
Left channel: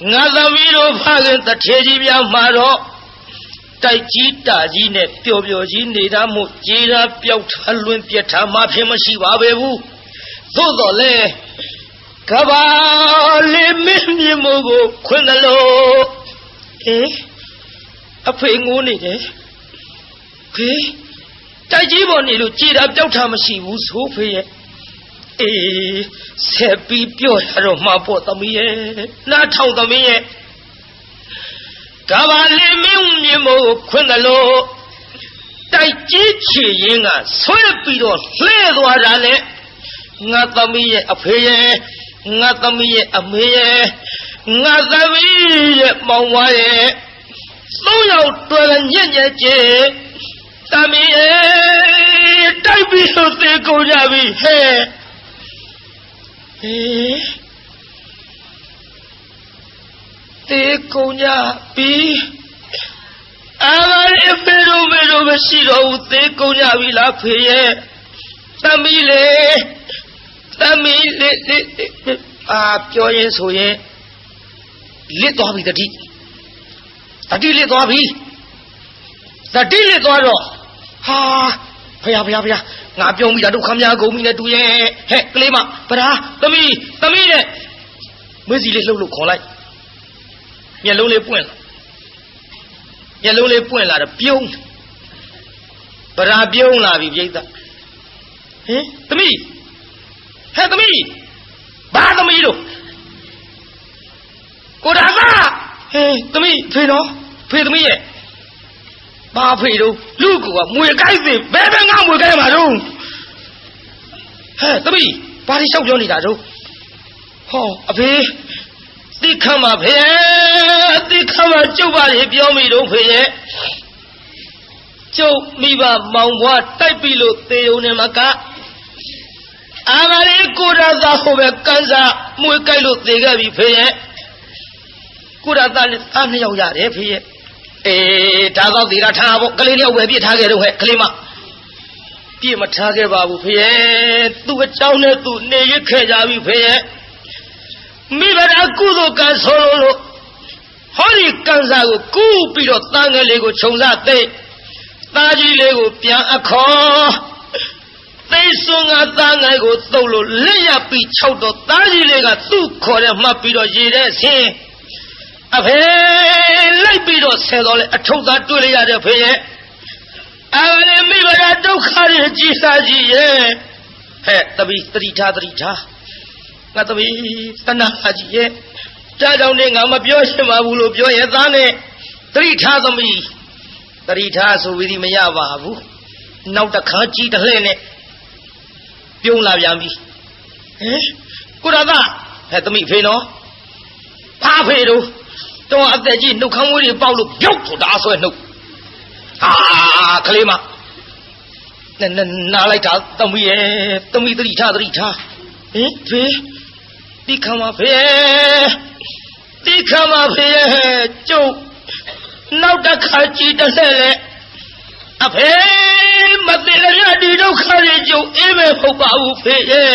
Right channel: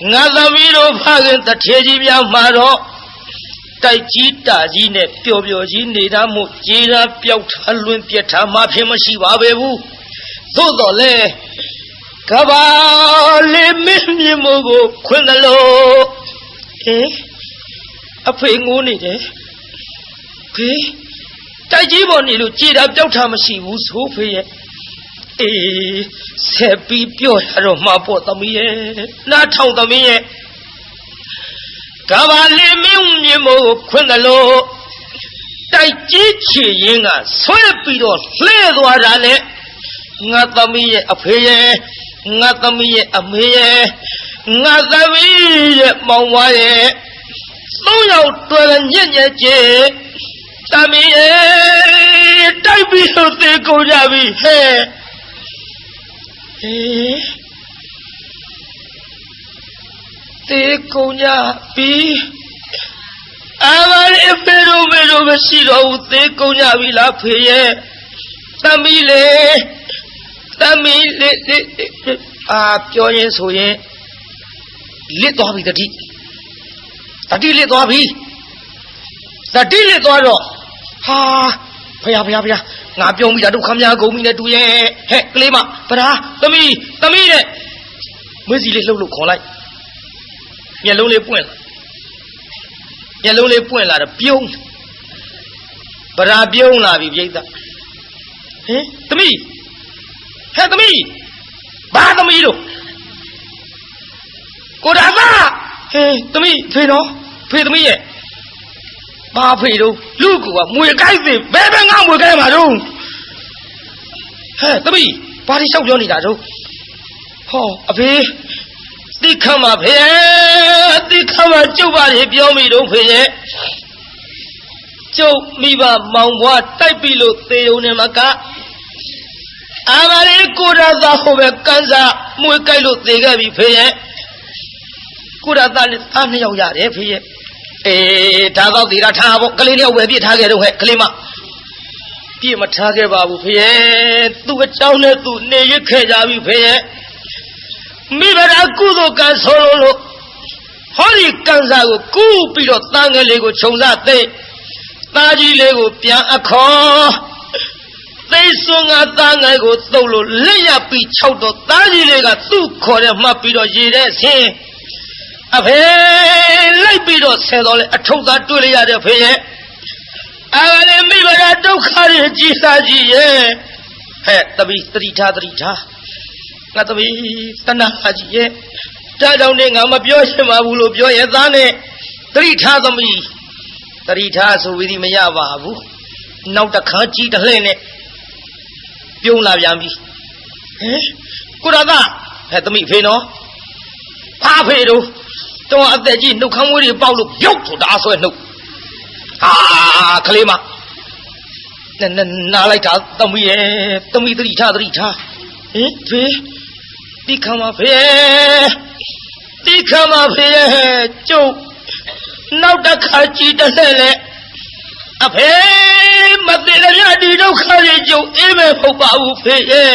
Nazamiro Pagan the Tejivia Maro Taijita Zine Pio Zinida Mujira Piot Olympia Mapimasi Wabebu Dodole Cabale Minimogo Quinalo A praying only there. Tajiboni Lucida Jotamasi was hope Seppi Pio Mapotamie, not how the me Cavale Mimo Quindalo Taichi Yinga, Soyapido, Fleduarale, Natami a paye, Natami a meye, Natami Mawaye, no out to the Yenye, Tami, Tabi so they go Javi, hey. Te coña pi Avare pero vestido te coña vi la pie Tamile Pio yen so yen Lit to bi tati lit to bi Tati lit to ro Ha Phaya Ngà Piong bây giờ đâu khám nhà gấu mình là tụi hẹ cái mà bà tâm y đấy mới gì lên lâu lục khó lại nhà lâu lên buồn là Piong bà Piong là vì vậy ta tâm y ba tâm y đâu cô đã ra tâm y thuê nó thuê tâm y vậy ba phê đâu lưu của 10 cái gì bé ngang 10 cái mà đâu tâm y ba đi sâu cho đi đã đâu phê đi khám mà chú ba thì biểu mì đâu phê nhé chú mì bà mong quá tay bị lột tiêu này mà cả bà đi cô ra ra hồ bè căn ra 10 cái lột tiêu cái bị phê nhé cô ra ta đi đâu ra để phê nhé đã vào thì đã tha bộ cái này về biết tha cái đâu hết cái mà kia mà tha cái bảo phê tu cái cháu này tu này cái khai ra bị phê mi bà đã cứu được cái số lô hỏi đi căn ra của cứu bị được tăng cái này của chống ra tê ta đi này của piang à khó tê xuống à tăng cái của tàu lô lấy nhà bị cháu đó ta đi này cái tu khó để mà bị được gì đấy xem phê lấy bị được xe đó lại chống ta tôi lấy ra được phê này mi bà đã đâu khai được gì ra gì tập đi tha ngà tập đi tân na gì cha đâu này ngà mà biểu xem mà buồn biểu hiện ra này tây tha tập đi တတိထားဆိုပြီးမရပါဘူးနောက်တစ်ခါကြီးတစ်လှဲ့နဲ့ပြုံးလာပြန်ပြီဟင်ကိုရသဟဲ့သမီးဖေနော်ဘာဖေတို့တော့အသက်ကြီးနှုတ်ခမ်းဝေးတွေပေါက်လို့ပြုတ်ဖို့ဒါဆွဲနှုတ်ဟာကလေးမနားလိုက်တာသမီးရဲ့သမီးတတိထားဟင်ဖေဒီခမဖေဒီခမဖေကျုပ်နောက်တစ်ခါကြည့်တဲ့လေအဖေမသိရဒီဒုက္ခတွေကျုပ်အေးမဲ့ဟုတ်ပါဘူးဖေရဲ့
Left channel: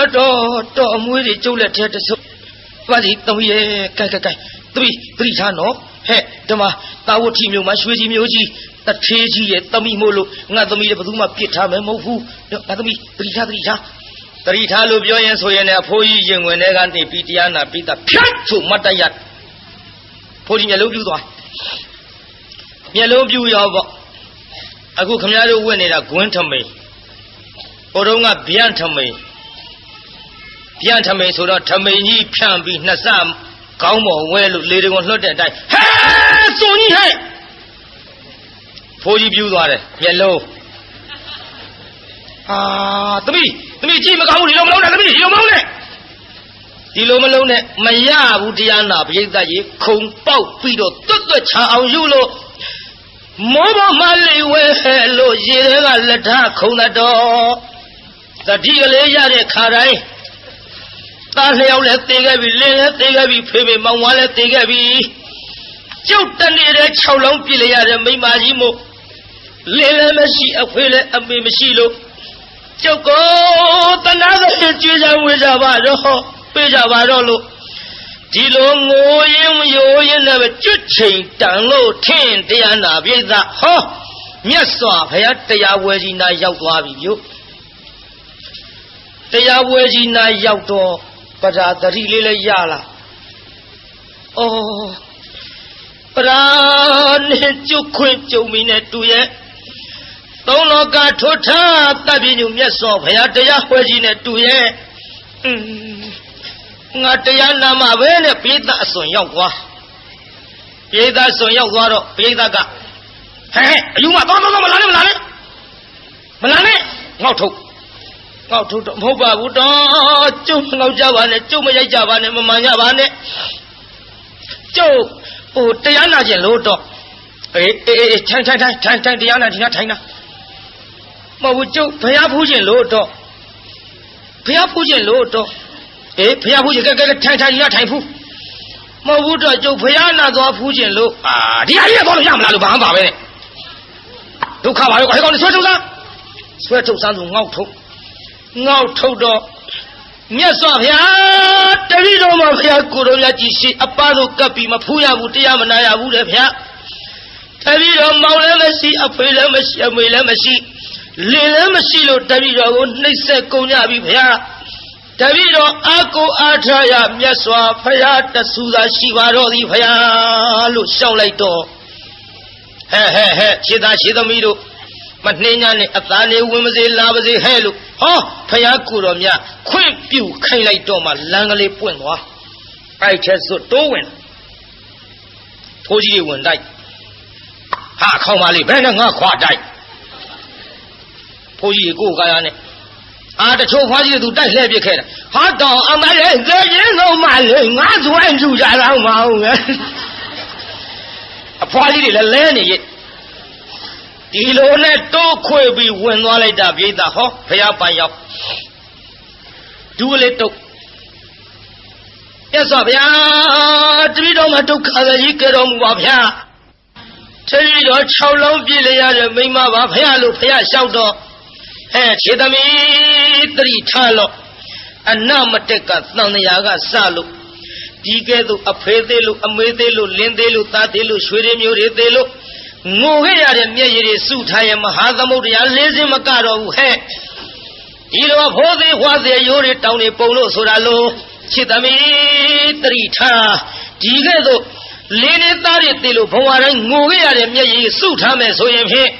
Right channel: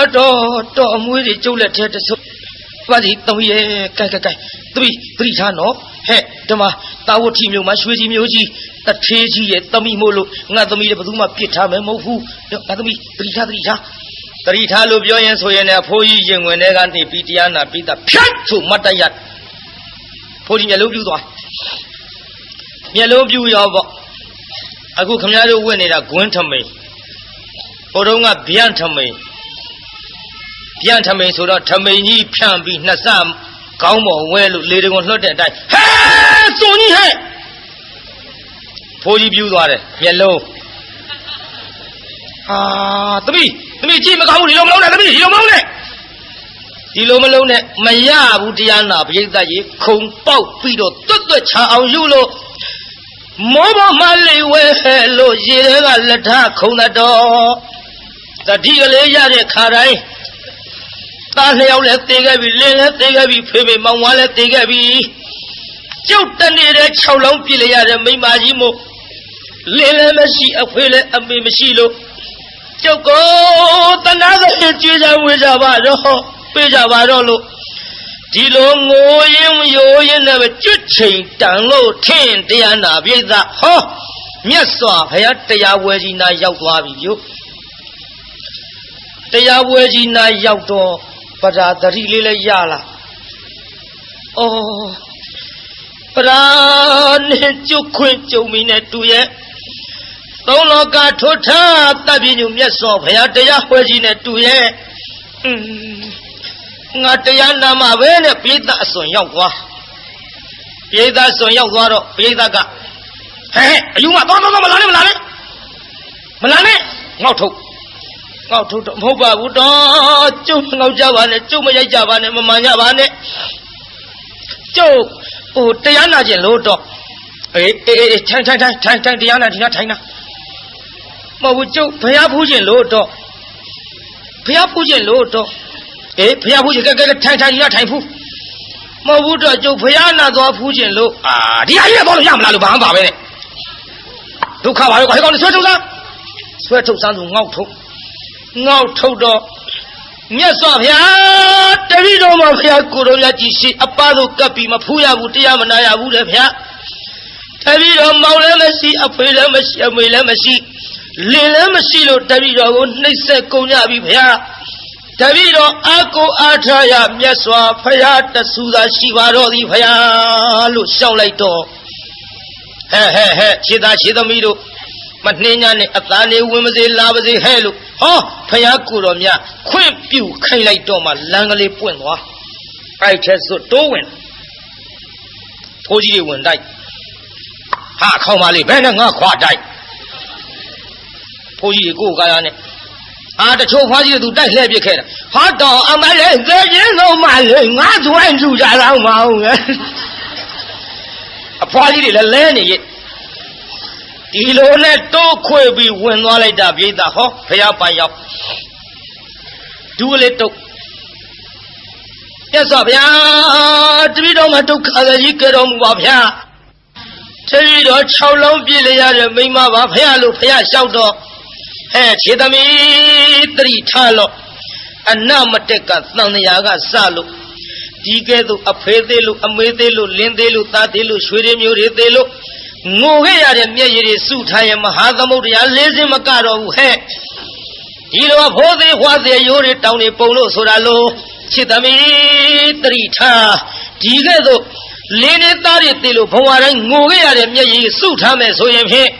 အတော်အမွေးတွေကျုပ်လက်ထဲတဆုပ်ပါစီသမီးရဲ့ကဲသမီးတတိထားနော်ဟဲ့ဒီမှာတာဝတိမျိုးမှာရွှေကြီးမျိုးကြီးတထေးကြီးရဲ့သမီးမို့လို့ငါသမီးလည်းဘယ်သူမှပြစ်ထားမယ်မဟုတ်ဘူးငါသမီးတတိထားလို့ပြောရင်ဆိုရင်လည်းအဖိုးကြီးရင်ဝင်တဲ့ကနေပြီးတရားနာပြီးတာဖြတ်ဆိုမတ်တရဖိုးကြီးမျက်လုံးပြူသွားမျက်လုံးပြူရောပေါ့အခုခမရတို့ဝင်နေတာဂွန်းထမိန်ဟိုတုန်းကဗျံထမိန်ဆိုတော့ထမိန်ကြီးဖြန့်ပြီးနှစ်ဆကောင်းပေါ်ဝဲလို့လေတကွန်လွှတ်တဲ့အတိုင်းဟဲစုံကြီးဟဲ့ဖိုးကြီးပြူသွားတယ်မျက်လုံးဟာသမီးကြည့်မကောင်းဘူးဒီလိုမလုံးနဲ့သမီးဒီလိုမလုံးနဲ့မရဘူးတရားနာပရိသတ်ကြီးခုံပေါက်ပြီးတော့တွတ်ချအောင်ယူလို့မောဘမလေးဝဲလို့ရေထဲကလက်ထခုံတော်တတိကလေးရတဲ့ခါတိုင်းသားနှစ်ယောက်လည်းသေခဲ့ပြီလင်းလည်းသေခဲ့ပြီဖေဖေမောင်ဝါလည်းသေခဲ့ပြီကျုပ်တနေတဲ့6လုံးပြည့်လိုက်ရတဲ့မိမကြီးမို့လင်းလည်းမရှိအဖေလည်းအမေမရှိလို့ကျုပ်ကိုတနာတဲ့ကြည်စံဝေးကြပါတော့ပေးကြပါတော့လို့ဒီလိုငိုရင်ရိုးရင်လည်းကျွတ်ချိန်တန်လို့ထင်တရားနာပြိဿဟောမြတ်စွာဘုရားတရားဝဲကြီးနာရောက်သွားပြီယုတရားဝဲကြီးနာရောက်တော့ပရာတတိလေးလည်းရလာဩပရာနဲ့ကျွတ်ခွင့်ကြုံမီနဲ့တူရဲ့သုံးလောကထွတ်ထားတပ်ပြညမြတ်စွာဘုရားတရားဝဲကြီးနဲ့တူရဲ့ငါတရားနာမှာပဲနဲ့ပိဋကအစွန်ရောက်သွားပိဋကအစွန်ရောက်သွားတော့ပိဋကဟဲ့အယူမတော့မလာနဲ့ငေါ့ထုတ်တော့မဟုတ်ပါဘူးတော့ကျုပ်ငေါ့ကြပါနဲ့ကျုပ်မရိုက်ကြပါနဲ့မမှန်ကြပါနဲ့ကျုပ်ဟိုတရားနာခြင်းလို့တော့အေးထိုင်တရားနာထိုင်နာမဟုတ်ဘူးကျုပ်ဘုရားဖူးခြင်းလို့တော့အေးဘုရားဖူးခြင်းကဲထိုင်ဒီကထိုင်ဖူးမဟုတ်ဘူးတော့ကျုပ်ဘုရားနာသွားဖူးခြင်းလို့ဒီအရေးပေါ်လို့ရမလားလို့ဘာမှပါပဲနဲ့ဒုက္ခပါလို့ခေါင်းဆွဲထုတ်စမ်းသူငေါ့ထုတ်တော့မြတ်စွာဘုရားတတိတော်မှာဘုရားကိုယ်တော်မြတ်ကြီးရှိအပသို့ကပ်ပြီးမဖူးရဘူးတရားမနာရဘူးလေဘုရားတတိတော်မောင်လည်းမရှိအဖေလည်းမရှိအမေလည်းမရှိလင်လည်းမရှိလို့တတိတော်ကိုနှိပ်စက်ကုန်ကြပြီဘုရားတပည့်တော်အာကိုအားထားရမြတ်စွာဘုရားတဆူသာရှိပါတော့သည်ဘုရားလို့ရှောက်လိုက်တော့ဟဲ့ခြေသားခြေသမီးတို့မနှင်းညာနဲ့အသားလေးဝင်မစေလာပါစေဟဲ့လို့ဟောဘုရားကိုတော်မြတ်ခွင့်ပြုခိုင်းလိုက်တော့မှလမ်းကလေးပွင့်သွားအဲ့ထဲဆိုတိုးဝင်ဖိုးကြီးဝင်တိုက်ဟာခေါင်းပါလေဘယ်နဲ့ငါခွာတိုက်ဖိုးကြီးကိုကားရနဲ့တချို့ဖွားကြီးသူတိုက်လှည့်ပြခဲ့တာဟာတော့အမလေးကြည်ရင်လုံးမလေးငါသွန်းကြည့်ကြတော့မအောင်ငယ်အဖွားကြီးတွေလည်းလဲနေရဲ့ဒီလိုနဲ့တိုးခွေပြီးဝင်သွားလိုက်တာပြေးတာဟောဖះပိုင်ရောက်ဒူးလေးတုတ်မြတ်စွာဘုရားတပည့်တော်မှာဒုက္ခကြီးကြတော်မူပါဗျာတပည့်တော်6လုံးပြည့်လျရတဲ့မိမပါဖះလို့ဖះလျှောက်တော့ခြေသမီးတတိထားလို့အနမတက်ကသံဃာကစလို့ဒီကဲ့သို့အဖေသေးလို့အမေသေးလို့လင်းသေးလို့သားသေးလို့ရွှေရင်းမျိုးတွေသေးလို့ငိုခဲ့ရတဲ့မျက်ရည်တွေစုထားရဲ့မဟာသမုဒ္ဒရာလေးစင်းမကတော့ဘူးဒီလိုဖိုးသေးဟွာသေးရိုးတွေတောင်းနေပုံလို့ဆိုတာလို့ခြေသမီးတတိထားဒီကဲ့သို့လင်းနေသားတွေသေးလို့ဘဝတိုင်းငိုခဲ့ရတဲ့မျက်ရည်စုထားမယ်ဆိုရင်ဖြင့်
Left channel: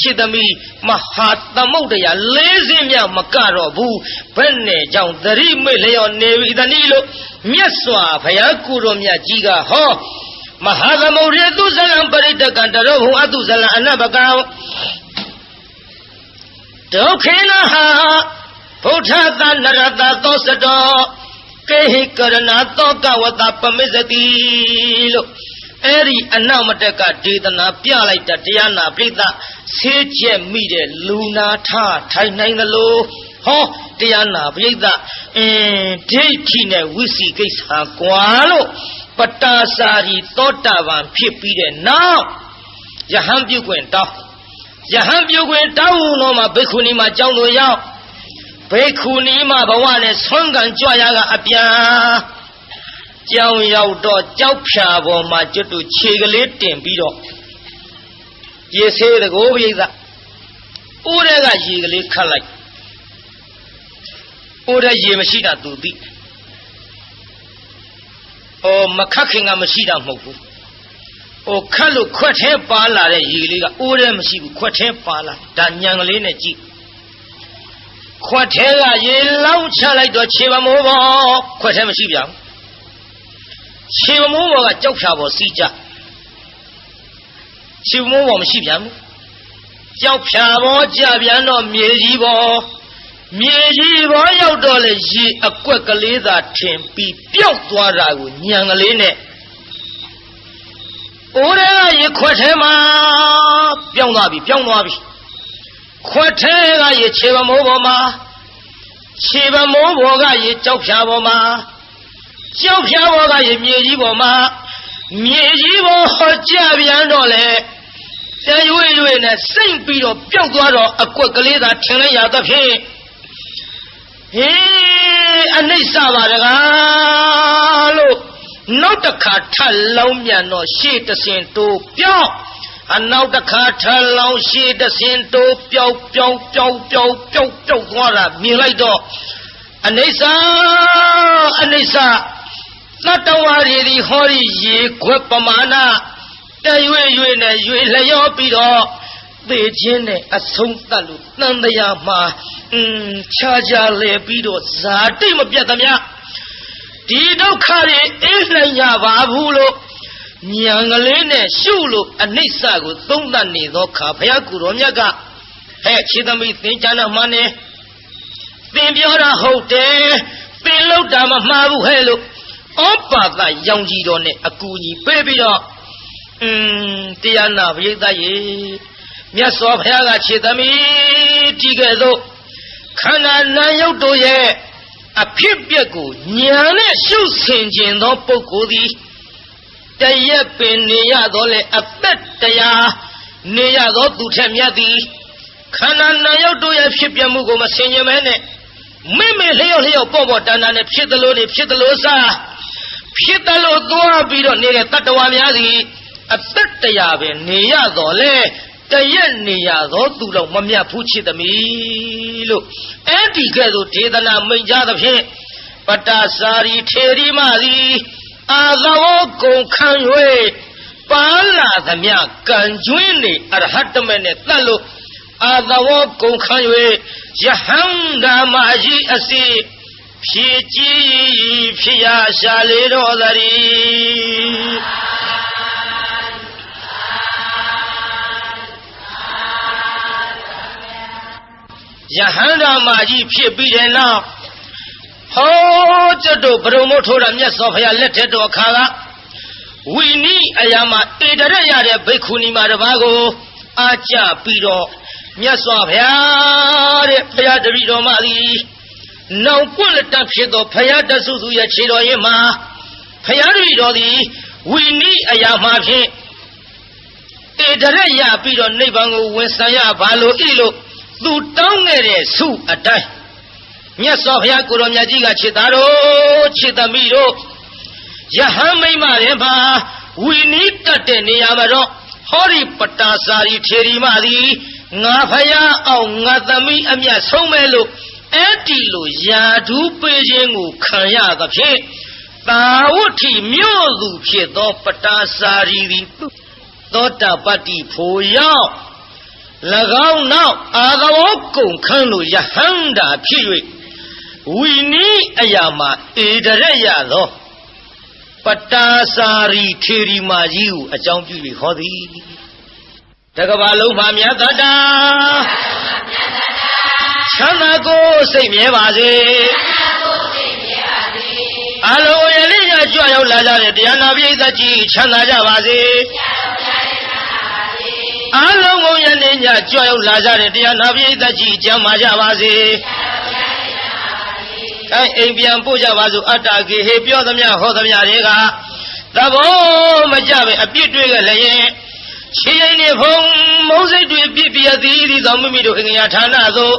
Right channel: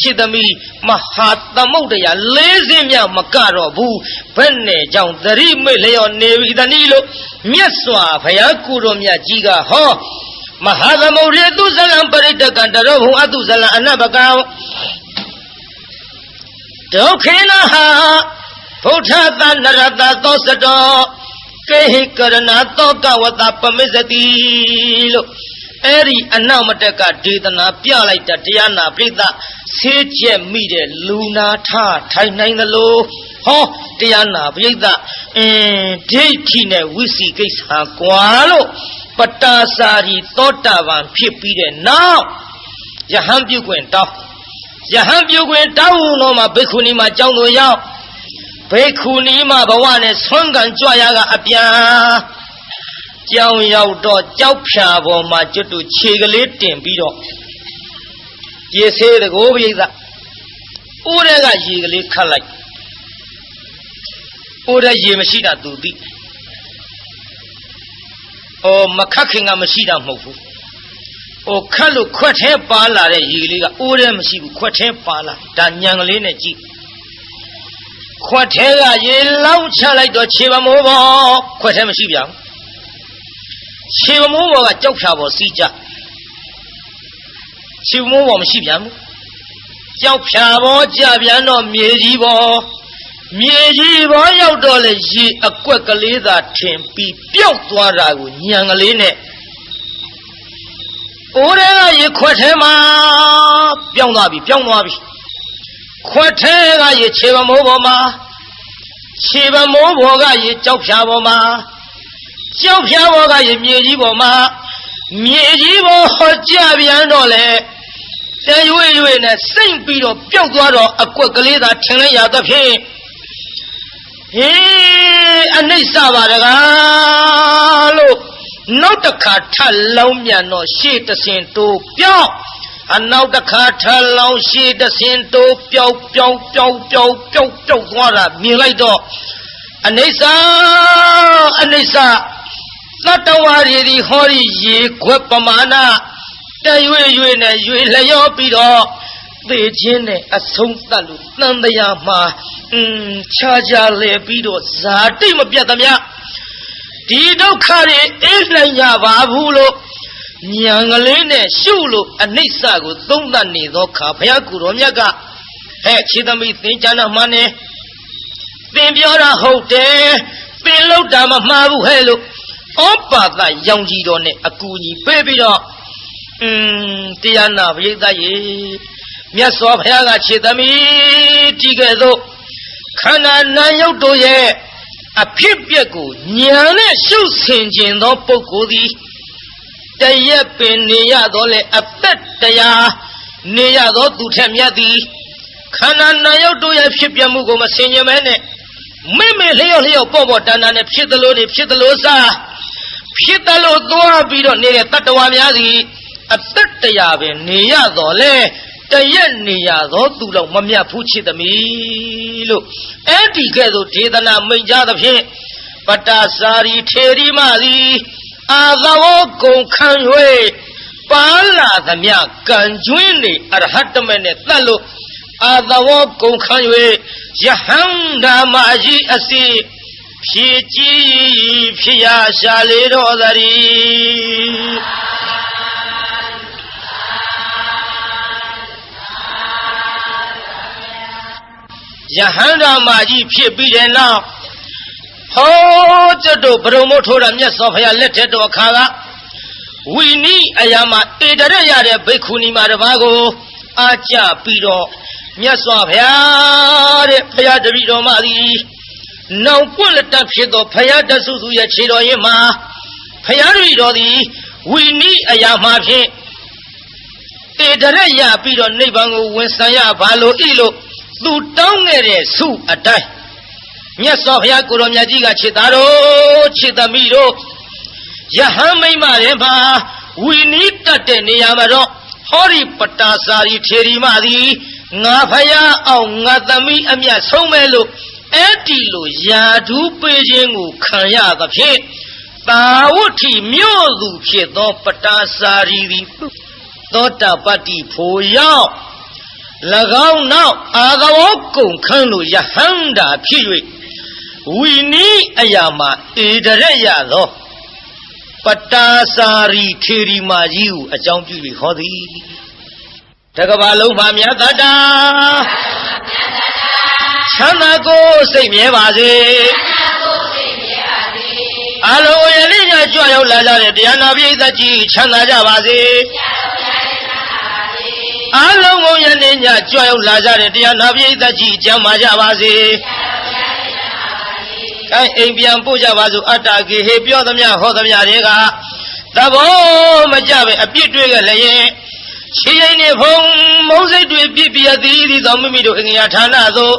ခြေသမီးမဟာသမုဒ္ဒရာလေးစင်းမြမကတော့ဘူးဘယ်နဲ့ကြောင့်သတိမိတ်လျော်နေပြီတနည်းလို့မြတ်စွာဘုရားကိုယ်တော်မြတ်ကြီးကဟော မဟာသမုဒ္ဒရာသူဇလံပရိတကံတရောဘုံအတုဇလံအနဘကံဒုက္ခေနဟာဘုထသနရတသောစတောကေဟိကရဏသောကဝတပမစ္စတိလို့အဲ့ဒီအနောက်မတက်ကဒေသနာပြလိုက်တာတရားနာပိဋကဆေးကျက်မိတဲ့လူနာထထိုင်နိုင်သလိုဟောတရားနာပိဋကဒိဋ္ဌိနဲ့ဝိစီကိစ္စကွာလို့ပတာစာရီသောတာပန်ဖြစ်ပြီးတဲ့နောက်ယဟန်ပြုခွင့်တောင်းယဟန်ပြုခွင့်တောင်းတော့မှဘိက္ခုနီမှာကြောင်းတော်ရောက်ဘိက္ခုနီမှာဘဝနဲ့ဆွမ်းကန်ကြွရကအပြန်ကြောင်းရောက်တော့ကြောက်ဖြာပေါ်မှာကျွတ်တူခြေကလေးတင်ပြီးတော့ရေဆေးတကိုးပိဋကဦးတဲ့ကရေကလေးခတ်လိုက်ဦးတဲ့ရေမရှိတာသူသိမခတ်ခင်ကမရှိတာမဟုတ်ဘူးခတ်လို့ခွက်ထဲပါလာတဲ့ရေလေးကဦးတဲ့မရှိဘူးခွက်ထဲပါလာဒါညံကလေးနဲ့ကြည့်ခွက်ထဲကရေလောင်းချလိုက်တော့ခြေပမိုးပေါ်ခွက်ထဲမရှိပြန်ဘူးခြေပမိုးပေါ်ကကြောက်ဖြာပေါ်စီးကြခြေပမိုးပေါ်မရှိပြန်ဘူးကြောက်ဖြာပေါ်ကြပြန်တော့မြေကြီးပေါ်ရောက်တော့လေရေအကွက်ကလေးသာထင်ပြီးပျောက်သွားတာကိုညံကလေးနဲ့အိုးတဲ့ကရေခွက်ထဲမှာပြောင်းသွားပြီခွက်ထဲကရေခြေပမိုးပေါ်မှာခြေပမိုးပေါ်ကရေကြောက်ဖြာပေါ်မှာကြောက်ဖြာပေါ်ကရေမြေကြီးပေါ်မှာမြေကြီးပေါ်ကြပြန်တော့လေတရွေ့နဲ့စိတ်ပြီးတော့ပျောက်သွားတော့အကွက်ကလေးသာထင်လိုက်ရသဖြင့်အနိစ္စပါတကားလို့နောက်တစ်ခါထပ်လောင်းမြန်တော့ရှေ့တဆင်တိုးပြောင်းနောက်တစ်ခါထပ်လောင်းရှေ့တဆင်တိုးပြောင်းသွားတာမြင်လိုက်တော့အနိစ္စသတ္တဝါတွေဒီဟောဒီရေခွက်ပမာဏတရွေ့နဲ့ရွေလျောပြီးတော့သေခြင်းနဲ့အဆုံးသတ်လို့သံတရားမှာခြားလဲပြီးတော့ဇာတိမပြတ်သမျှဒီဒုက္ခတွေအိပ်နိုင်ရပါဘူးလို့ဉာဏ်ကလေးနဲ့ရှုလို့အနိစ္စကိုသုံးသပ်နေသောခါဘုရားကိုယ်တော်မြတ်ကခြေသမီးသင်္ချာနာမှနဲ့သင်ပြောတာဟုတ်တယ်သင်လောက်တာမမှားဘူးဟဲ့လို့ဩပါဒရောင်ကြီးတော်နဲ့အကူကြီးပေးပြီးတော့တရားနာပရိသတ်ရေမြတ်စွာဘုရားကခြေသမီးကြည့်ခဲ့သို့ခန္ဓာနာယုတ်တို့ရဲ့အဖြစ်ပြက်ကိုဉာဏ်နဲ့ရှုဆင်ခြင်းသောပုဂ္ဂိုလ်သည်တရက်ပင်နေရတော့လေအသက်တရားနေရတော့သူထက်မြတ်သည်ခန္ဓာနာယုတ်တို့ရဲ့ဖြစ်ပြမှုကိုမဆင်ခြင်မဲနဲ့မေလျော့ပေါ့တန်နဲ့ဖြစ်သလိုစားဖြစ်သလိုသွားပြီးတော့နေတဲ့တတ္တဝါများသည်အသက်တရားပင်နေရတော့လေတရက်နေရတော့သူတော့မမြတ်ဘူးချစ်သမီးလို့အဲ့ဒီကဲ့သို့ဒေသနာမိန့်ကြသဖြင့်ပတ္တစာရီထေရီမသည်အာသဝကုန်ခံ၍ပါလာသမျှကံကျွင်းနေအရဟတမေနဲ့တတ်လို့အာသဝကုန်ခံ၍ယဟန္တာမကြီးအစီဖြည့်ကြည်ဖြစ်ရရှာလေတော်သတည်းယဟန္တာမကြီးဖြစ်ပြီးတဲ့နောက်ဟောကျွတ်တို့ဘုံမို့ထိုးတာမြတ်စွာဘုရားလက်ထက်တော်ခါကဝိနည်းအရာမှာတေတရက်ရတဲ့ဘိက္ခုနီမတစ်ပါးကိုအာကြပြီးတော့မြတ်စွာဘုရားတဲ့ဘုရားတပည့်တော်မသည်နောင်ပွင့်လက်တဖြစ်သောဘုရားတဆုစုရဲ့ခြေတော်ရင်မှာဘုရားတပည့်တော်သည်ဝိနည်းအရာမှာဖြင့်တေတရက်ရပြီးတော့နိဗ္ဗာန်ကိုဝင်ဆံရပါလို့ဤလို့သူတောင်းခဲ့တဲ့ဆုအတိုင်းမြတ်စွာဘုရားကိုယ်တော်မြတ်ကြီးကခြေသားတို့ခြေသမီးတို့ယဟန်မိမရဲ့မှာဝီနီးတတ်တဲ့နေရာမှာတော့ဟောဒီပတာစာရီထေရီမသည်ငါဖယားအောင်ငါသမီးအမြတ်ဆုံးမဲ့လို့အဲ့ဒီလိုယာဓုပေးခြင်းကိုခံရသဖြင့်တာဝဋ္ဌိမြို့သူဖြစ်သောပတာစာရီသည်သောတာပတ္တိဖို့ရောက်၎င်းနောက်အာသဝကုန်ခန်းလို့ယဟန္တာဖြစ်၍ဝီနီးအရာမှာဧတရက်ရသော ပတာစာရီခေရီမာကြီးကိုအကြောင်းပြုပြီးဟောသည်တကဘာလုံးမှာမြတ်တတာချမ်းသာကိုစိတ်မြဲပါစေအလုံးရလေးညကြွရောက်လာကြတဲ့တရားနာပိဋကကြီးချမ်းသာကြပါစေအလုံးကုန်ရလေးညကြွရောက်လာကြတဲ့တရားနာပိဋကကြီးကျမ်းမာကြပါစေအိမ်ပြန်ပို့ကြပါစို့အတ္တကေဟေပြောသမျှဟောသမျှတွေကသဘောမကြပဲအပြစ်တွေခဲ့လည်းရှိရင်နေဖုံမုံစိတ်တွေပြည့်ပြည့်သည်သောမိမိတို့အငြာဌာနသို့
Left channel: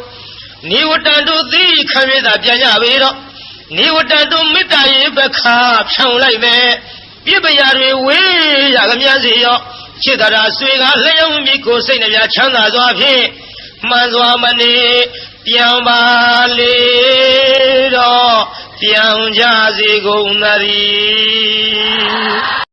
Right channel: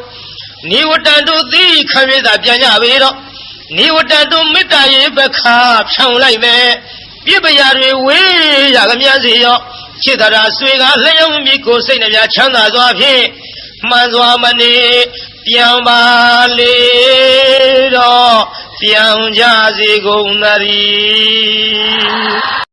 နိဝတ္တတို့သည်ခံရတာပြန်ကြပေတော့နိဝတ္တတို့မေတ္တာရေပခါဖြောင်းလိုက်မယ်ပြည့်ပရာတွေဝေးရကမြစီရောจิตราဆွေကလျောင်းမိကိုစိတ်နှပြချမ်းသာစွာဖြင့်မှန်စွာမနေပြန်ပါလေတော့ပြန်ကြစေကုန်သတည်း